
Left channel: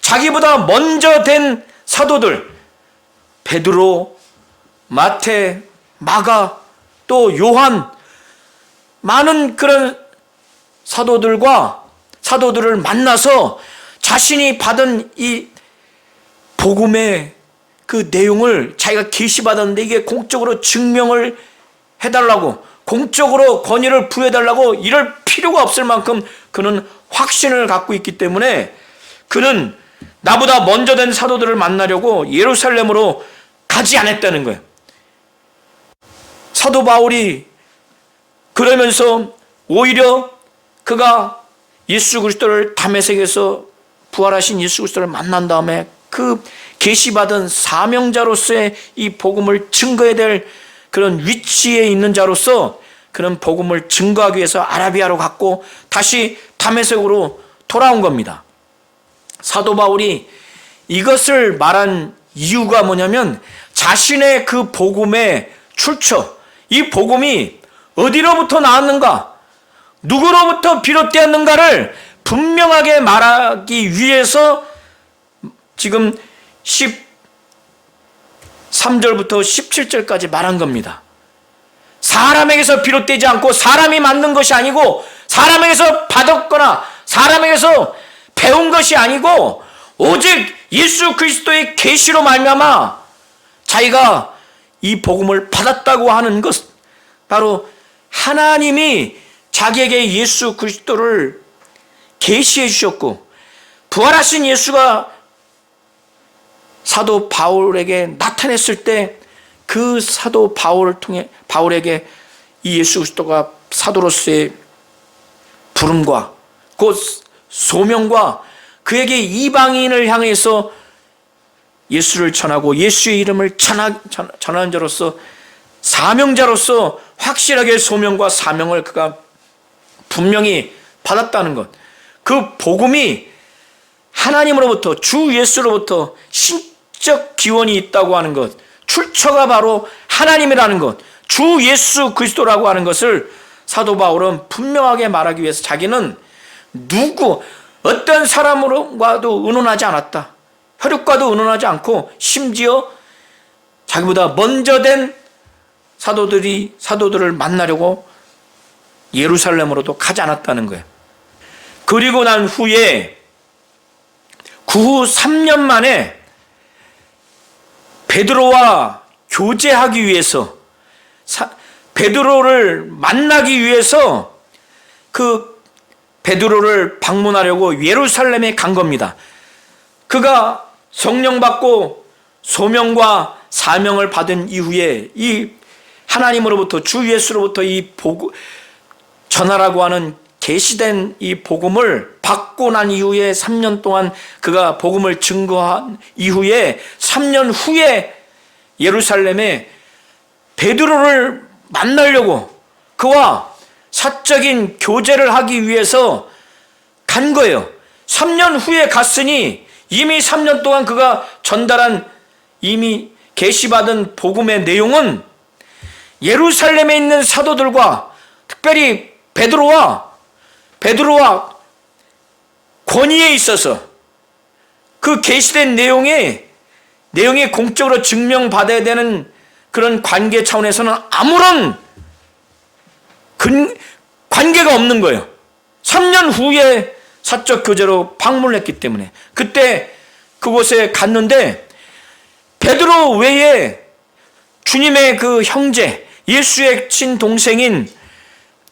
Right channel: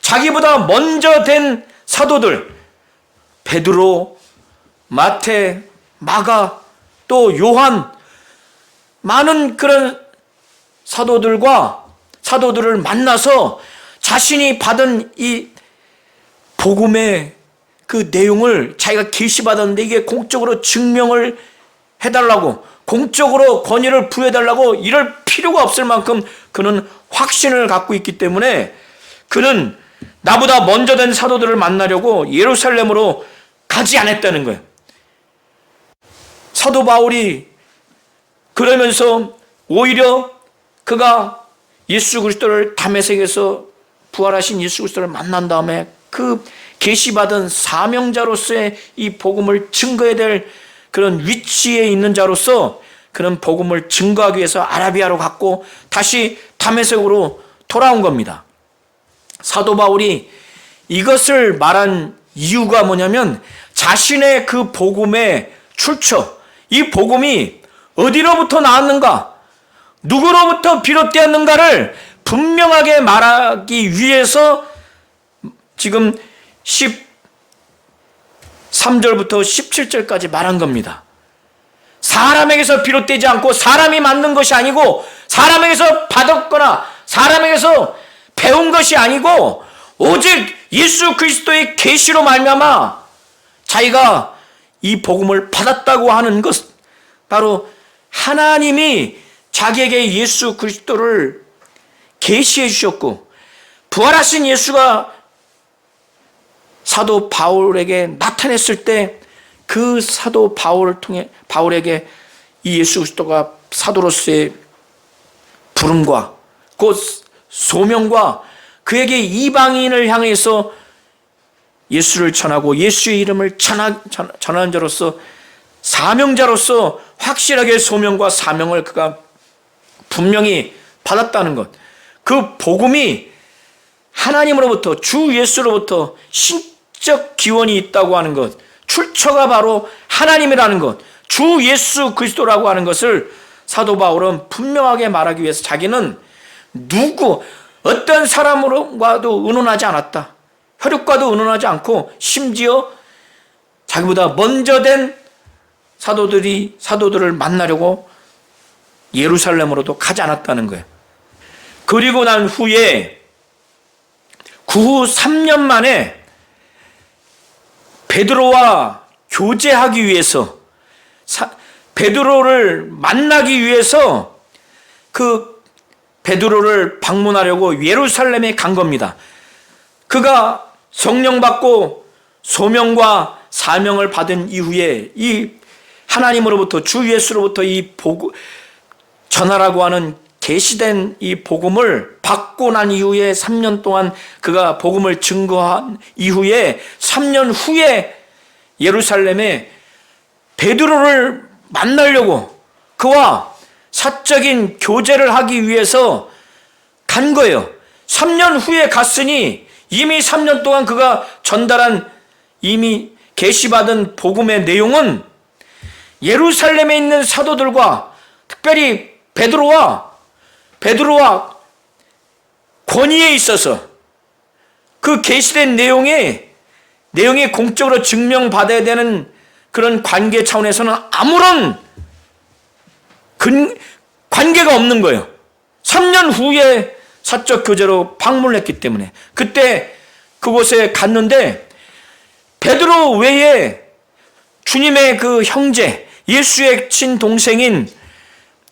자기보다 먼저 된 사도들, 베드로, 마태, 마가, 또 요한, 많은 그런 사도들을 만나서 자신이 받은 이 복음의 그 내용을 자기가 계시받았는데 이게 공적으로 증명을 해달라고, 공적으로 권위를 부여해달라고 이럴 필요가 없을 만큼 그는 확신을 갖고 있기 때문에 그는 나보다 먼저 된 사도들을 만나려고 예루살렘으로 가지 않았다는 거예요. 사도 바울이 그러면서 오히려 그가 예수 그리스도를 다메섹에서 부활하신 예수 그리스도를 만난 다음에 그 계시받은 사명자로서의 이 복음을 증거해야 될 그런 위치에 있는 자로서 그런 복음을 증거하기 위해서 아라비아로 갔고 다시 다메섹으로 돌아온 겁니다. 사도 바울이 이것을 말한 이유가 뭐냐면 자신의 그 복음의 출처, 이 복음이 어디로부터 나왔는가, 누구로부터 비롯되었는가를 분명하게 말하기 위해서 지금 13절부터 17절까지 말한 겁니다. 사람에게서 비롯되지 않고 사람이 만든 것이 아니고 사람에게서 받았거나 사람에게서 배운 것이 아니고 오직 예수 그리스도의 계시로 말미암아 자기가 이 복음을 받았다고 하는 것, 바로 하나님이 자기에게 예수 그리스도를 계시해 주셨고 부활하신 예수가 사도 바울에게 나타냈을 때 그 사도 바울을 통해 바울에게 이 예수 그리스도가 사도로서의 부름과 곧 소명과 그에게 이방인을 향해서 예수를 전하고 예수의 이름을 전하는 자로서 사명자로서 확실하게 소명과 사명을 그가 분명히 받았다는 것, 그 복음이 하나님으로부터 주 예수로부터 신적 기원이 있다고 하는 것, 출처가 바로 하나님이라는 것, 주 예수 그리스도라고 하는 것을 사도 바울은 분명하게 말하기 위해서 자기는 어떤 사람과도 의논하지 않았다. 혈육과도 의논하지 않고 심지어 자기보다 먼저 된 사도들을 만나려고 예루살렘으로도 가지 않았다는 거예요. 그리고 난 후에 그 후 3년 만에 베드로와 교제하기 위해서, 베드로를 만나기 위해서 그 베드로를 방문하려고 예루살렘에 간 겁니다. 그가 성령 받고 소명과 사명을 받은 이후에 이 하나님으로부터, 주 예수로부터 이 복음 전하라고 하는 계시된 이 복음을 받고 난 이후에 3년 동안 그가 복음을 증거한 이후에 3년 후에 예루살렘에 베드로를 만나려고 그와 사적인 교제를 하기 위해서 간 거예요. 3년 후에 갔으니 이미 3년 동안 그가 전달한, 이미 계시받은 복음의 내용은 예루살렘에 있는 사도들과 특별히 베드로와 권위에 있어서 그 계시된 내용이 공적으로 증명받아야 되는 그런 관계 차원에서는 아무런 관계가 없는 거예요. 3년 후에 사적 교제로 방문했기 때문에. 그때 그곳에 갔는데 베드로 외에 주님의 그 형제, 예수의 친동생인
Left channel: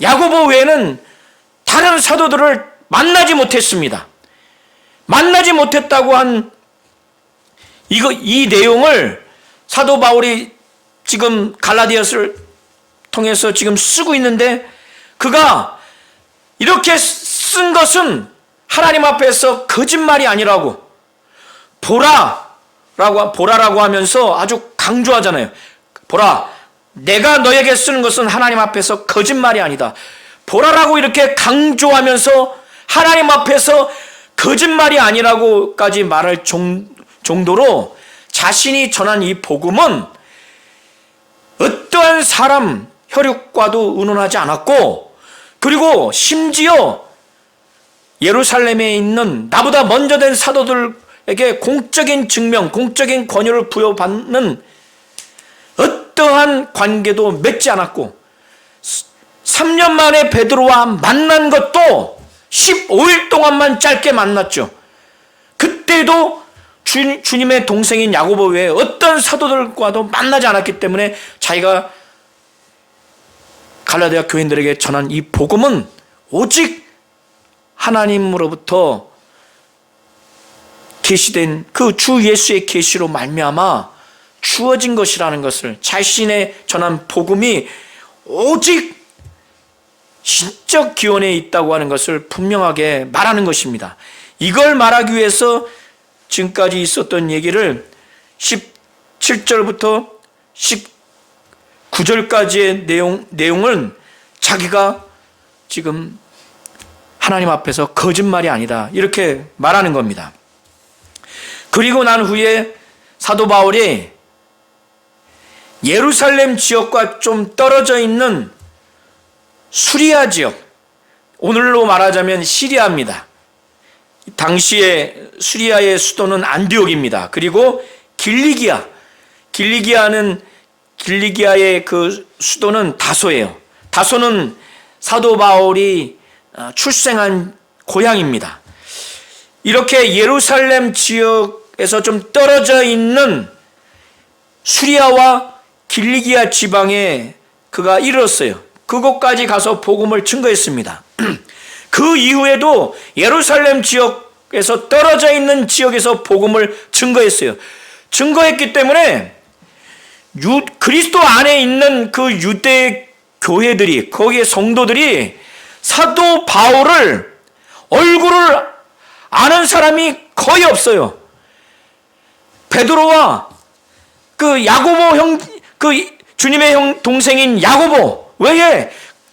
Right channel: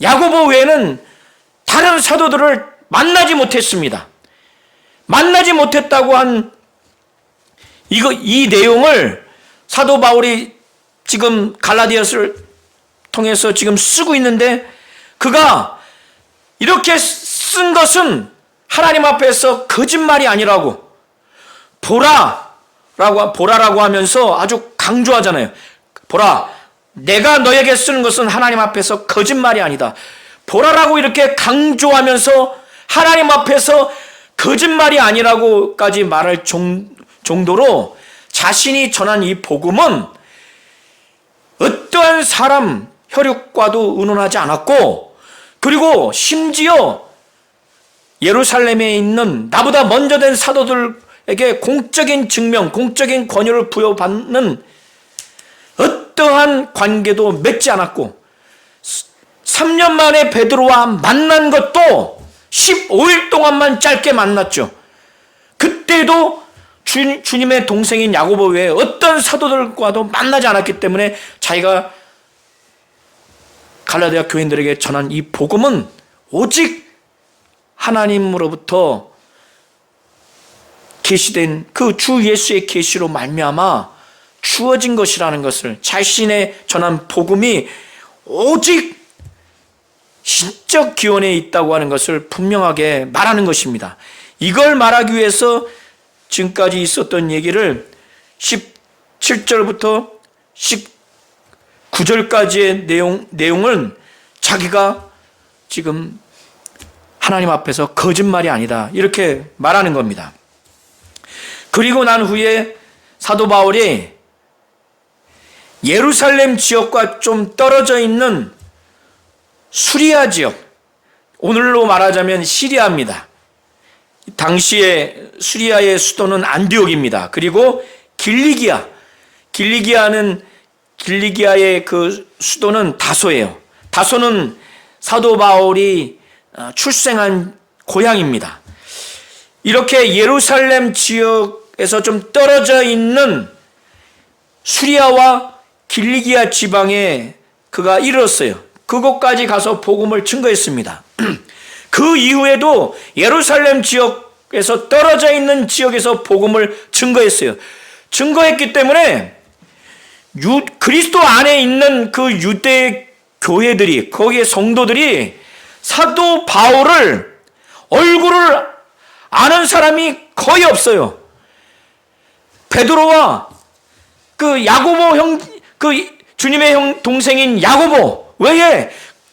야고보 외에는 다른 사도들을 만나지 못했습니다. 만나지 못했다고 한 이 내용을 사도 바울이 지금 갈라디아서를 통해서 지금 쓰고 있는데, 그가 이렇게 쓴 것은 하나님 앞에서 거짓말이 아니라고, 보라라고 하면서 아주 강조하잖아요. 보라, 내가 너에게 쓰는 것은 하나님 앞에서 거짓말이 아니다. 보라라고 이렇게 강조하면서 하나님 앞에서 거짓말이 아니라고까지 말할 정도로 자신이 전한 이 복음은 어떠한 사람 혈육과도 의논하지 않았고, 그리고 심지어 예루살렘에 있는 나보다 먼저 된 사도들에게 공적인 증명, 공적인 권유를 부여받는 어떠한 관계도 맺지 않았고, 3년 만에 베드로와 만난 것도 15일 동안만 짧게 만났죠. 그때도 주님의 동생인 야고보 외에 어떤 사도들과도 만나지 않았기 때문에 자기가 갈라디아 교인들에게 전한 이 복음은 오직 하나님으로부터 계시된 그 주 예수의 계시로 말미암아 주어진 것이라는 것을, 자신의 전한 복음이 오직 신적 기원에 있다고 하는 것을 분명하게 말하는 것입니다. 이걸 말하기 위해서 지금까지 있었던 얘기를 17절부터 19절까지의 내용은 자기가 지금 하나님 앞에서 거짓말이 아니다, 이렇게 말하는 겁니다. 그리고 난 후에 사도 바울이 예루살렘 지역과 좀 떨어져 있는 수리아 지역, 오늘로 말하자면 시리아입니다. 당시에 수리아의 수도는 안디옥입니다. 그리고 길리기아의 그 수도는 다소예요. 다소는 사도 바울이 출생한 고향입니다. 이렇게 예루살렘 지역에서 좀 떨어져 있는 수리아와 길리기아 지방에 그가 이르렀어요. 그곳까지 가서 복음을 증거했습니다. 그 이후에도 예루살렘 지역에서 떨어져 있는 지역에서 복음을 증거했어요. 증거했기 때문에 그리스도 안에 있는 그 유대 교회들이, 거기에 성도들이 사도 바울을 얼굴을 아는 사람이 거의 없어요. 베드로와 그 야고보 그 주님의 동생인 야고보 외에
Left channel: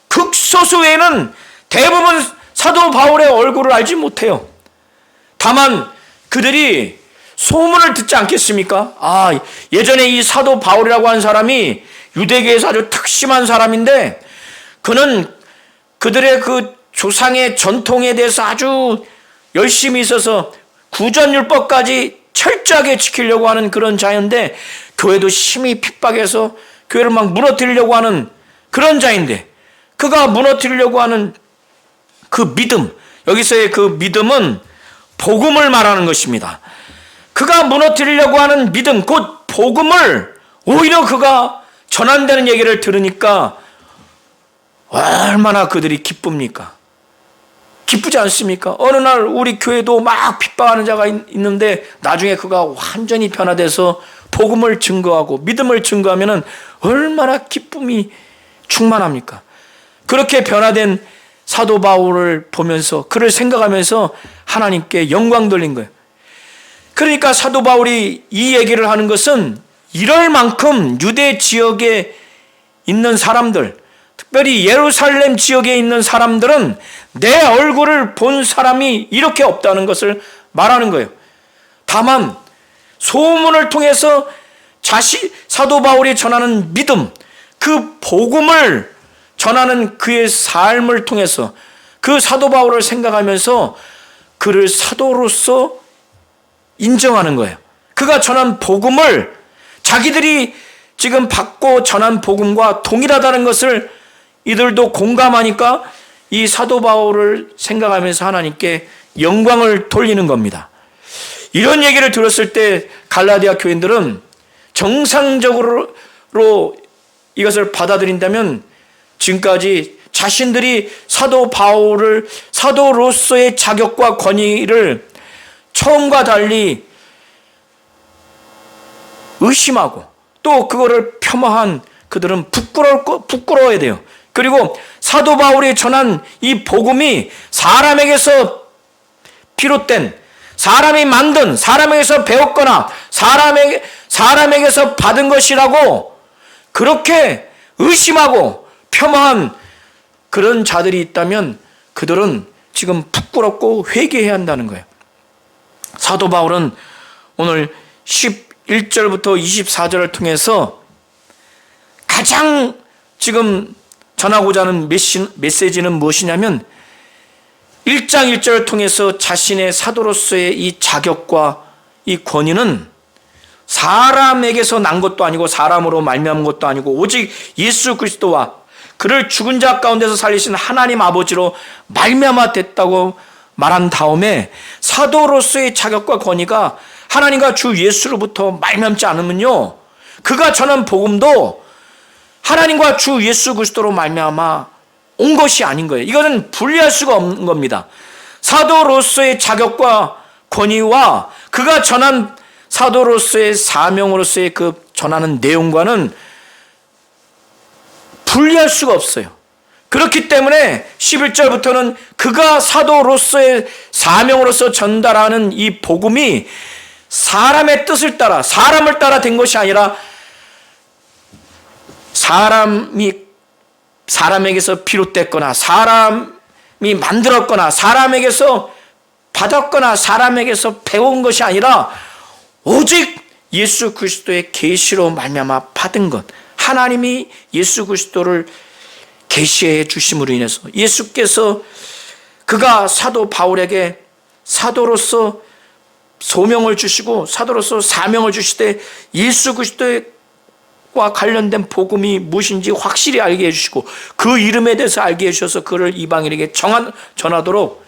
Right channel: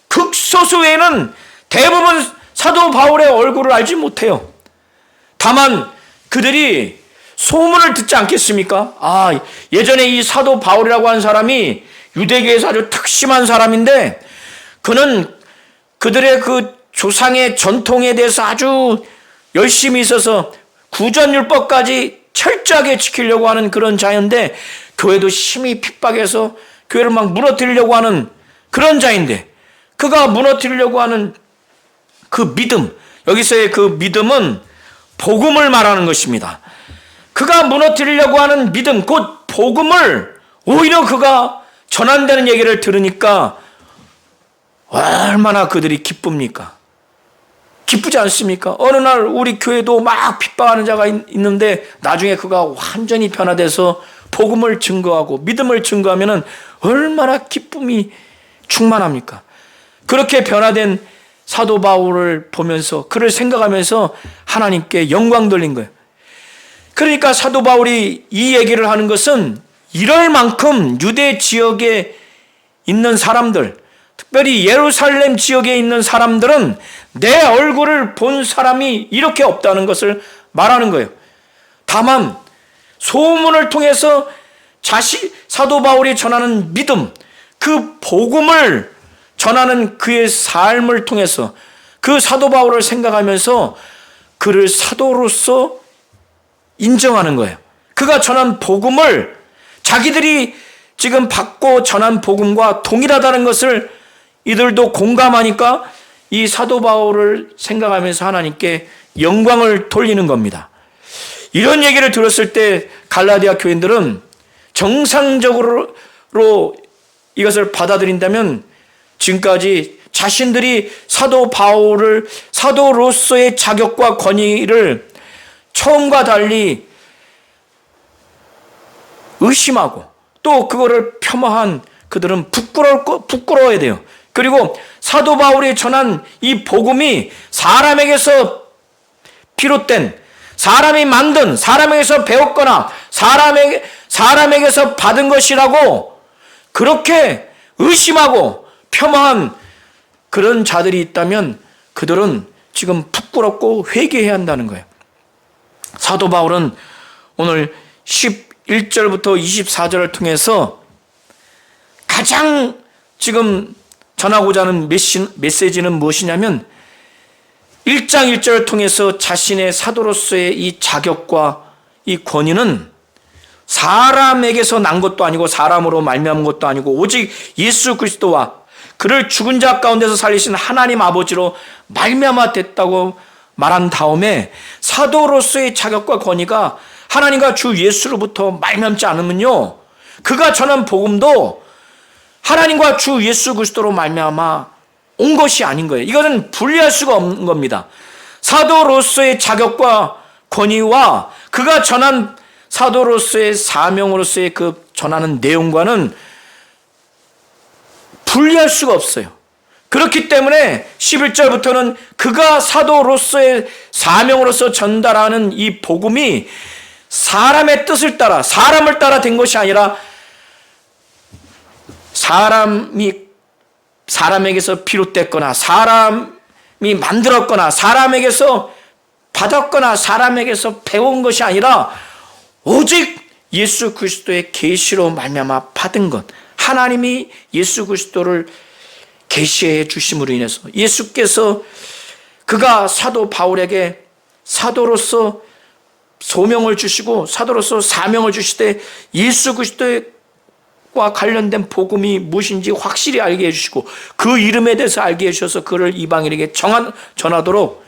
극소수 외에는 대부분 사도 바울의 얼굴을 알지 못해요. 다만 그들이 소문을 듣지 않겠습니까? 예전에 이 사도 바울이라고 하는 사람이 유대교에서 아주 특심한 사람인데, 그는 그들의 그 조상의 전통에 대해서 아주 열심히 있어서 구전율법까지 철저하게 지키려고 하는 그런 자인데, 교회도 심히 핍박해서 교회를 막 무너뜨리려고 하는 그런 자인데, 그가 무너뜨리려고 하는 그 믿음, 여기서의 그 믿음은 복음을 말하는 것입니다. 그가 무너뜨리려고 하는 믿음, 곧 복음을 오히려 그가 전한다는 얘기를 들으니까 얼마나 그들이 기쁩니까? 기쁘지 않습니까? 어느 날 우리 교회도 막 핍박하는 자가 있는데 나중에 그가 완전히 변화돼서 복음을 증거하고 믿음을 증거하면 얼마나 기쁨이 충만합니까? 그렇게 변화된 사도 바울을 보면서 그를 생각하면서 하나님께 영광 돌린 거예요. 그러니까 사도 바울이 이 얘기를 하는 것은 이럴 만큼 유대 지역에 있는 사람들, 특별히 예루살렘 지역에 있는 사람들은 내 얼굴을 본 사람이 이렇게 없다는 것을 말하는 거예요. 다만 소문을 통해서 사도 바울이 전하는 믿음, 그 복음을 전하는 그의 삶을 통해서 그 사도 바울을 생각하면서 그를 사도로서 인정하는 거예요. 그가 전한 복음을 자기들이 지금 받고 전한 복음과 동일하다는 것을 이들도 공감하니까 이 사도 바울을 생각하면서 하나님께 영광을 돌리는 겁니다. 이런 얘기를 들었을 때 갈라디아 교인들은 정상적으로 이것을 받아들인다면 지금까지 자신들이 사도 바울을 사도로서의 자격과 권위를 처음과 달리 의심하고 또 그거를 폄하한 그들은 부끄러워야 돼요. 그리고 사도 바울이 전한 이 복음이 사람에게서 비롯된, 사람이 만든, 사람에게서 배웠거나 사람에게서 받은 것이라고 그렇게 의심하고 폄하한 그런 자들이 있다면 그들은 지금 부끄럽고 회개해야 한다는 거예요. 사도 바울은 오늘 11절부터 24절을 통해서 가장 지금 전하고자 하는 메시지는 무엇이냐면 1장 1절을 통해서 자신의 사도로서의 이 자격과 이 권위는 사람에게서 난 것도 아니고 사람으로 말미암은 것도 아니고 오직 예수 그리스도와 그를 죽은 자 가운데서 살리신 하나님 아버지로 말미암아 됐다고 말한 다음에 사도로서의 자격과 권위가 하나님과 주 예수로부터 말미암지 않으면요, 그가 전한 복음도 하나님과 주 예수 그리스도로 말미암아 온 것이 아닌 거예요. 이거는 분리할 수가 없는 겁니다. 사도로서의 자격과 권위와 그가 전한 사도로서의 사명으로서의 그 전하는 내용과는 분리할 수가 없어요. 그렇기 때문에 11절부터는 그가 사도로서의 사명으로서 전달하는 이 복음이 사람의 뜻을 따라, 사람을 따라 된 것이 아니라 사람에게서 비롯됐거나 사람이 만들었거나 사람에게서 받았거나 사람에게서 배운 것이 아니라 오직 예수 그리스도의 계시로 말미암아 받은 것, 하나님이 예수 그리스도를 계시해 주심으로 인해서 예수께서 그가 사도 바울에게 사도로서 소명을 주시고 사도로서 사명을 주시되 예수 그리스도와 관련된 복음이 무엇인지 확실히 알게 해주시고 그 이름에 대해서 알게 해주셔서 그를 이방인에게 전하도록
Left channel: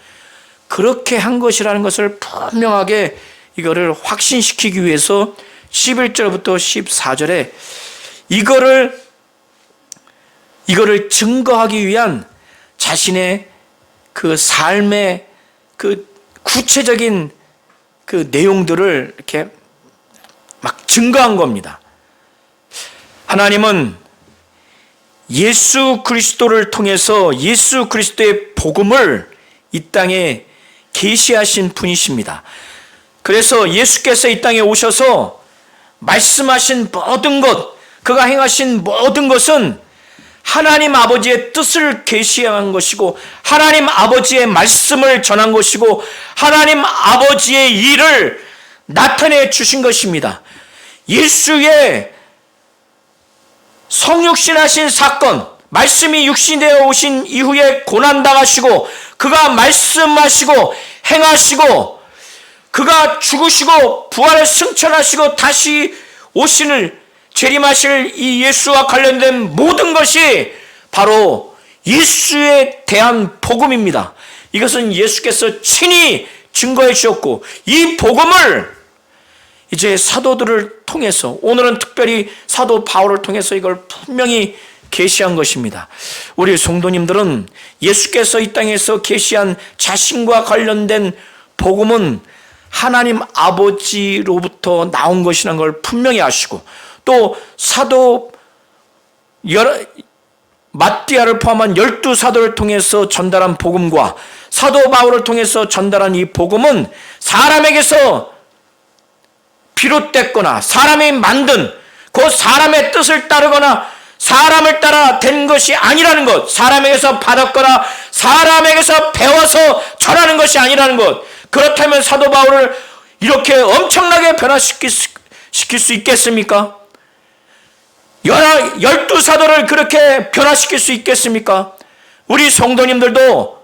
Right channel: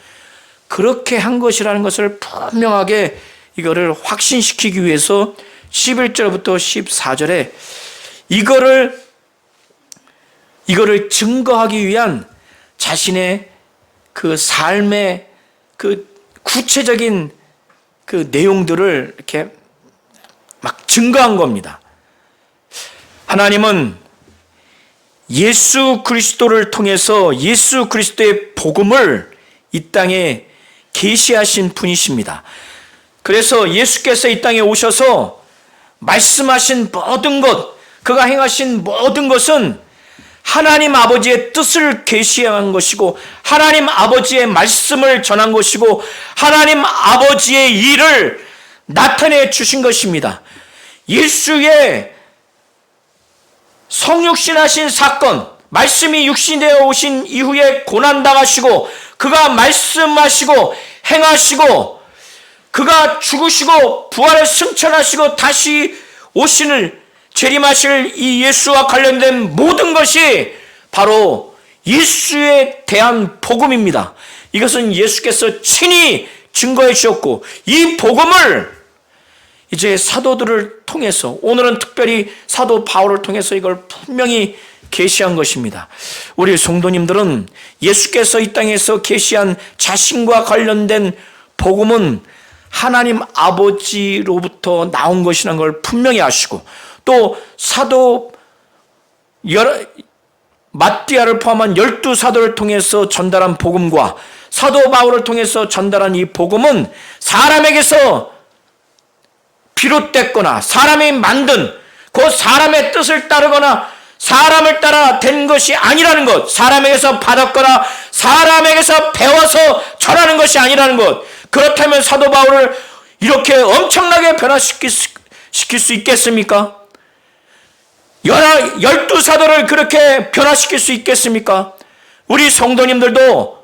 그렇게 한 것이라는 것을 분명하게 이거를 확신시키기 위해서 11절부터 14절에 이거를 증거하기 위한 자신의 그 삶의 그 구체적인 그 내용들을 이렇게 막 증거한 겁니다. 하나님은 예수 그리스도를 통해서 예수 그리스도의 복음을 이 땅에 계시하신 분이십니다. 그래서 예수께서 이 땅에 오셔서 말씀하신 모든 것, 그가 행하신 모든 것은 하나님 아버지의 뜻을 계시한 것이고 하나님 아버지의 말씀을 전한 것이고 하나님 아버지의 일을 나타내 주신 것입니다. 예수의 성육신하신 사건, 말씀이 육신되어 오신 이후에 고난당하시고 그가 말씀하시고 행하시고 그가 죽으시고 부활을 승천하시고 다시 오시는 재림하실 이 예수와 관련된 모든 것이 바로 예수에 대한 복음입니다. 이것은 예수께서 친히 증거해 주셨고 이 복음을 이제 사도들을 통해서, 오늘은 특별히 사도 바울을 통해서 이걸 분명히 계시한 것입니다. 우리 성도님들은 예수께서 이 땅에서 계시한 자신과 관련된 복음은 하나님 아버지로부터 나온 것이라는 걸 분명히 아시고, 또 사도 마띠아를 포함한 12사도를 통해서 전달한 복음과 사도 바울을 통해서 전달한 이 복음은 사람에게서 비롯됐거나 사람이 만든 그 사람의 뜻을 따르거나 사람을 따라 된 것이 아니라는 것, 사람에게서 받았거나 사람에게서 배워서 전하는 것이 아니라는 것. 그렇다면 사도 바울을 이렇게 엄청나게 변화시킬 수 있겠습니까? 12사도를 그렇게 변화시킬 수 있겠습니까? 우리 성도님들도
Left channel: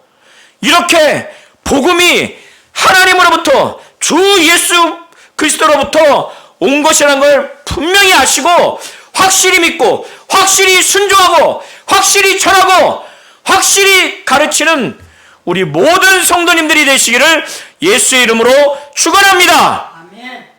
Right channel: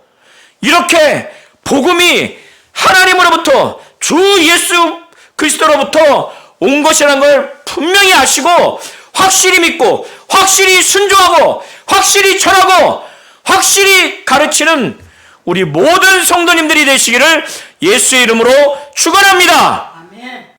이렇게 복음이 하나님으로부터 주 예수 그리스도로부터 온 것이라는 걸 분명히 아시고 확실히 믿고 확실히 순종하고 확실히 전하고 확실히 가르치는 우리 모든 성도님들이 되시기를 예수의 이름으로 축원합니다.